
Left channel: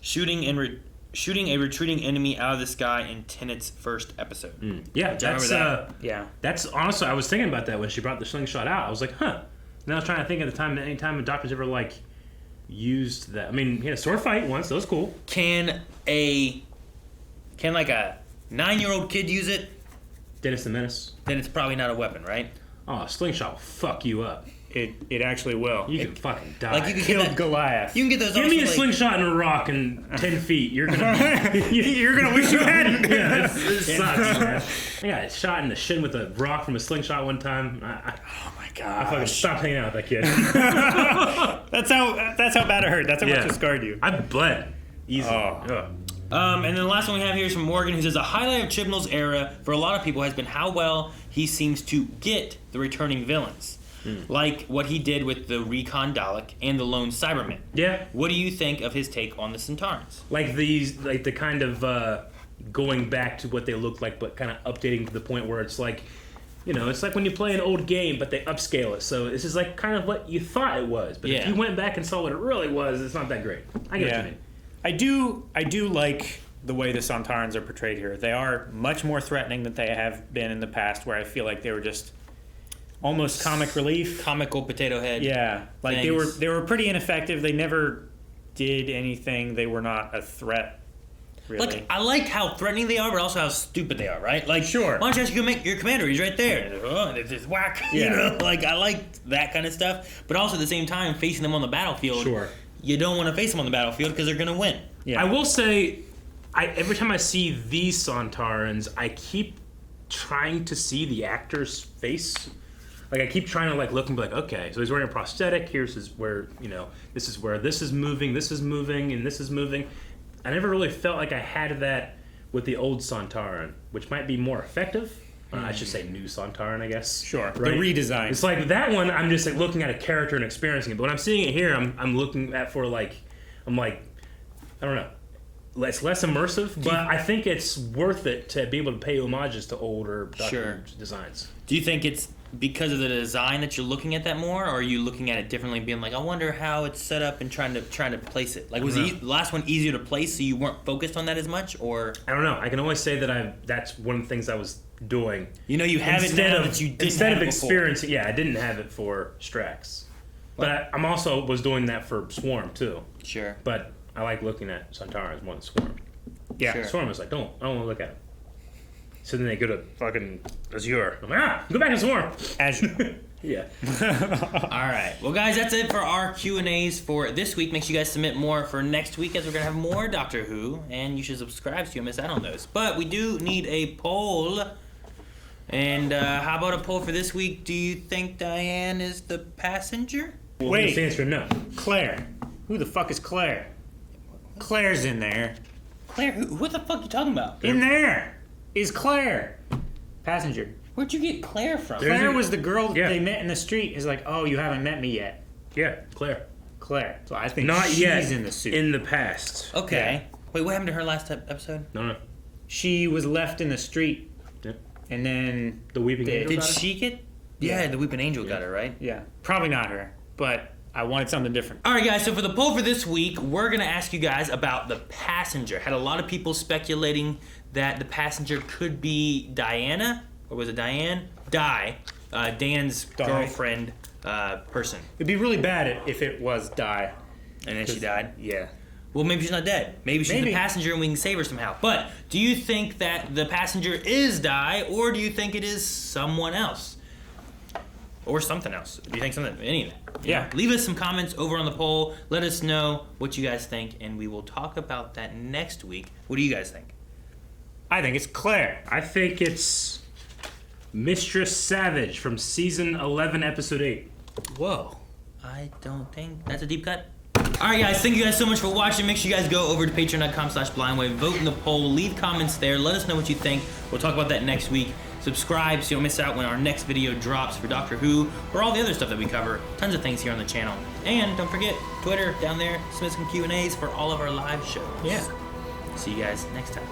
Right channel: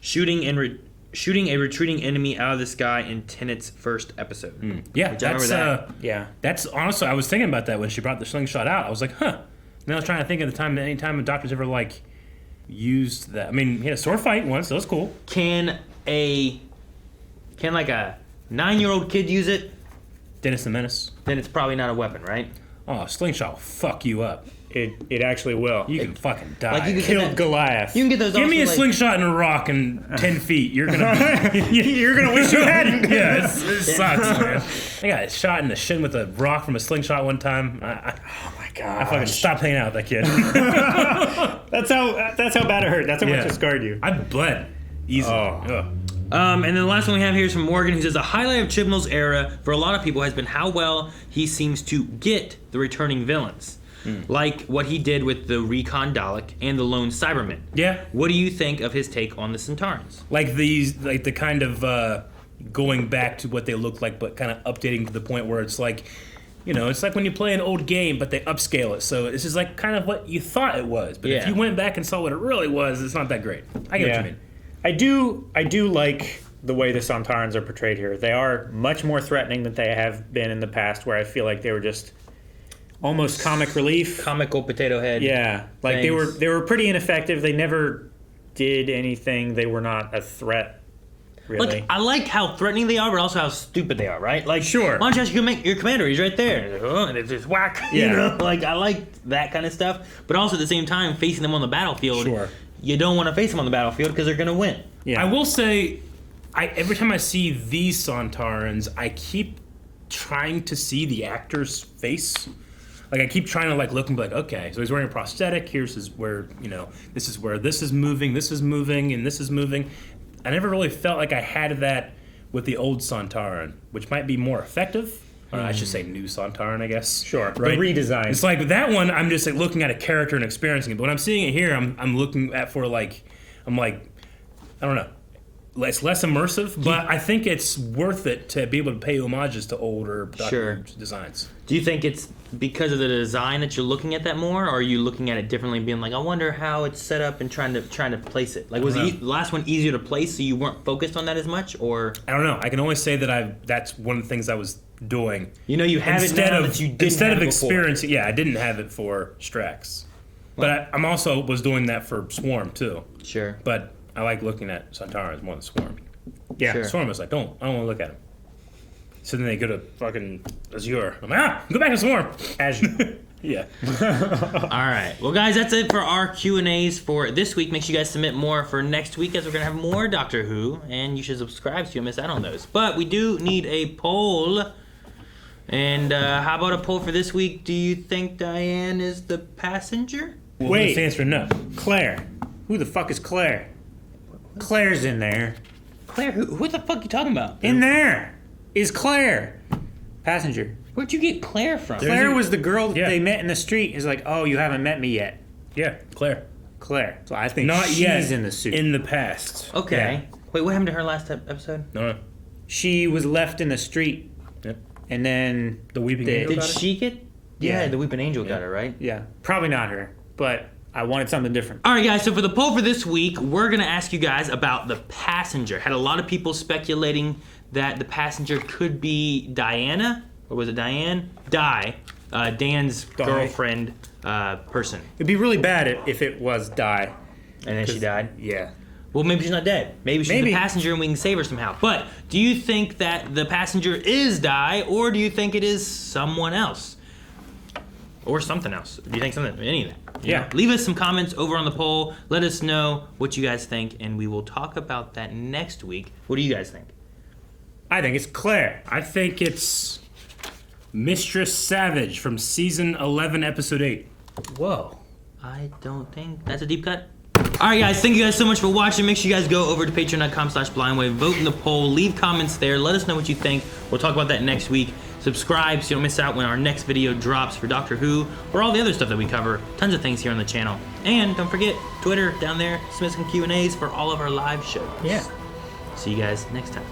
shooting a retreating enemy out of the sky in Tennant's first episode. Yeah, Which I that's remember Yeah. that's honestly, I was thinking about that when she brought the slingshot out. I was like, huh. And I was trying to think at the time that any time a Doctor's ever like used that. I mean, he had a sword fight once, so that's cool. Can like a 9-year-old kid use it? Dennis the Menace. Then it's probably not a weapon, right? Oh, a slingshot will fuck you up. It actually will. You can fucking die. Like you can Killed get Goliath. you can get those. Give me a also, like, slingshot and a rock in 10 feet. You're gonna You're gonna wish you hadn't. yeah, this sucks, man. I got shot in the shin with a rock from a slingshot one time. Oh my I fucking god. stopped hanging out with that kid. That's how bad it hurt. That's how much it scarred you. I bled easily. Oh. and then the last one we have here is from Morgan, who says a highlight of Chibnall's era for a lot of people has been how well he seems to get the returning villains. like what he did with the Recon Dalek and the Lone Cybermen. Yeah. What do you think of his take on the Sontarans? Like the kind of going back to what they look like, but kind of updating to the point where it's like, it's like when you play an old game, but they upscale it. So this is like kind of what you thought it was. But if you went back and saw what it really was, it's not that great. I get what you mean. I do like the way the Sontarans are portrayed here. They are much more threatening than they have been in the past, where I feel like they were just almost comic relief. Comical potato head. Yeah. Like they were pretty ineffective. They never did anything. They were not a threat. Really. Like, I like how threatening they are, but also how stupid they are, right? Like, sure. Why don't you ask your commander? He's right there. And it's just whack. Yeah. Like, I like that kind of stuff. But also at the same time, facing them on the battlefield, you don't want to face them on the battlefield because they're going to win. Yeah. I will say, every time I see these Sontarans, I keep trying to see the actor's face. Like, I keep trying to look and be like, okay, so he's wearing a prosthetic. Here's where this is where this is moving, and this is moving. I never really felt like I had that with the old Sontaran, which might be more effective. I should say new Sontaran, I guess. Sure, right? the redesign. It's like that one, I'm just looking at a character and experiencing it. But when I'm seeing it here, I'm looking at I don't know. It's less immersive, but I think it's worth it to be able to pay homages to older designs. Do you think it's because of the design that you're looking at that more, or are you looking at it differently and being like, I wonder how it's set up and trying to place it? Like, was the last one easier to place so you weren't focused on that as much, or? I don't know. I can only say that that's one of the things I was doing. You have it now that you didn't instead have of it experiencing. Yeah, I didn't have it for Strax, but I'm also was doing that for Swarm too. Sure. But I like looking at Sontarans more than Swarm. Yeah. Sure. Swarm was like, I don't want to look at him. So then they go to fucking Azure. Go back to Swarm. Azure. Yeah. All right. Well, guys, that's it for our Q&As for this week. Make sure you guys submit more for next week, as we're going to have more Doctor Who, and you should subscribe so you don't miss out on those. But we do need a poll. And how about a poll for this week? Do you think Diane is the passenger? Wait. The answer no. Claire. Who the fuck is Claire? Claire's in there. Claire? Who the fuck are you talking about? In there is Claire. Passenger. Where'd you get Claire from? Claire was the girl they met in the street. Is like, oh, you haven't met me yet. Yeah, Claire. So I think Not she's yet. In the suit. In the past. Okay. Yeah. Wait, what happened to her last episode? No. She was left in the street. Yep. And then the Weeping Angel. Did she get? Yeah, the Weeping Angel got her, right? Yeah. Probably not her, but I wanted something different. All right, guys, so for the poll for this week, we're going to ask you guys about the passenger. Had a lot of people speculating that the passenger could be Diana, or was it Diane? Dan's girlfriend person. It'd be really bad if it was Di. And then she died? Yeah. Well, maybe she's not dead. Maybe she's the passenger and we can save her somehow. But do you think that the passenger is Di, or do you think it is someone else? Or something else? Do you think something? Anything? Yeah. Leave us some comments over on the poll. Let us know what you guys think, and we will talk about that next week. What do you guys think? I think it's Claire. I think it's Mistress Savage from season 11, episode 8. Whoa. I don't think that's a deep cut. All right, guys. Thank you guys so much for watching. Make sure you guys go over to patreon.com/blindwave. Vote in the poll. Leave comments there. Let us know what you think. We'll talk about that next week. Subscribe so you don't miss out when our next video drops for Doctor Who or all the other stuff that we cover. Tons of things here on the channel. And don't forget, Twitter down there. Submit some Q&As for all of our live shows. Yeah. See you guys next time.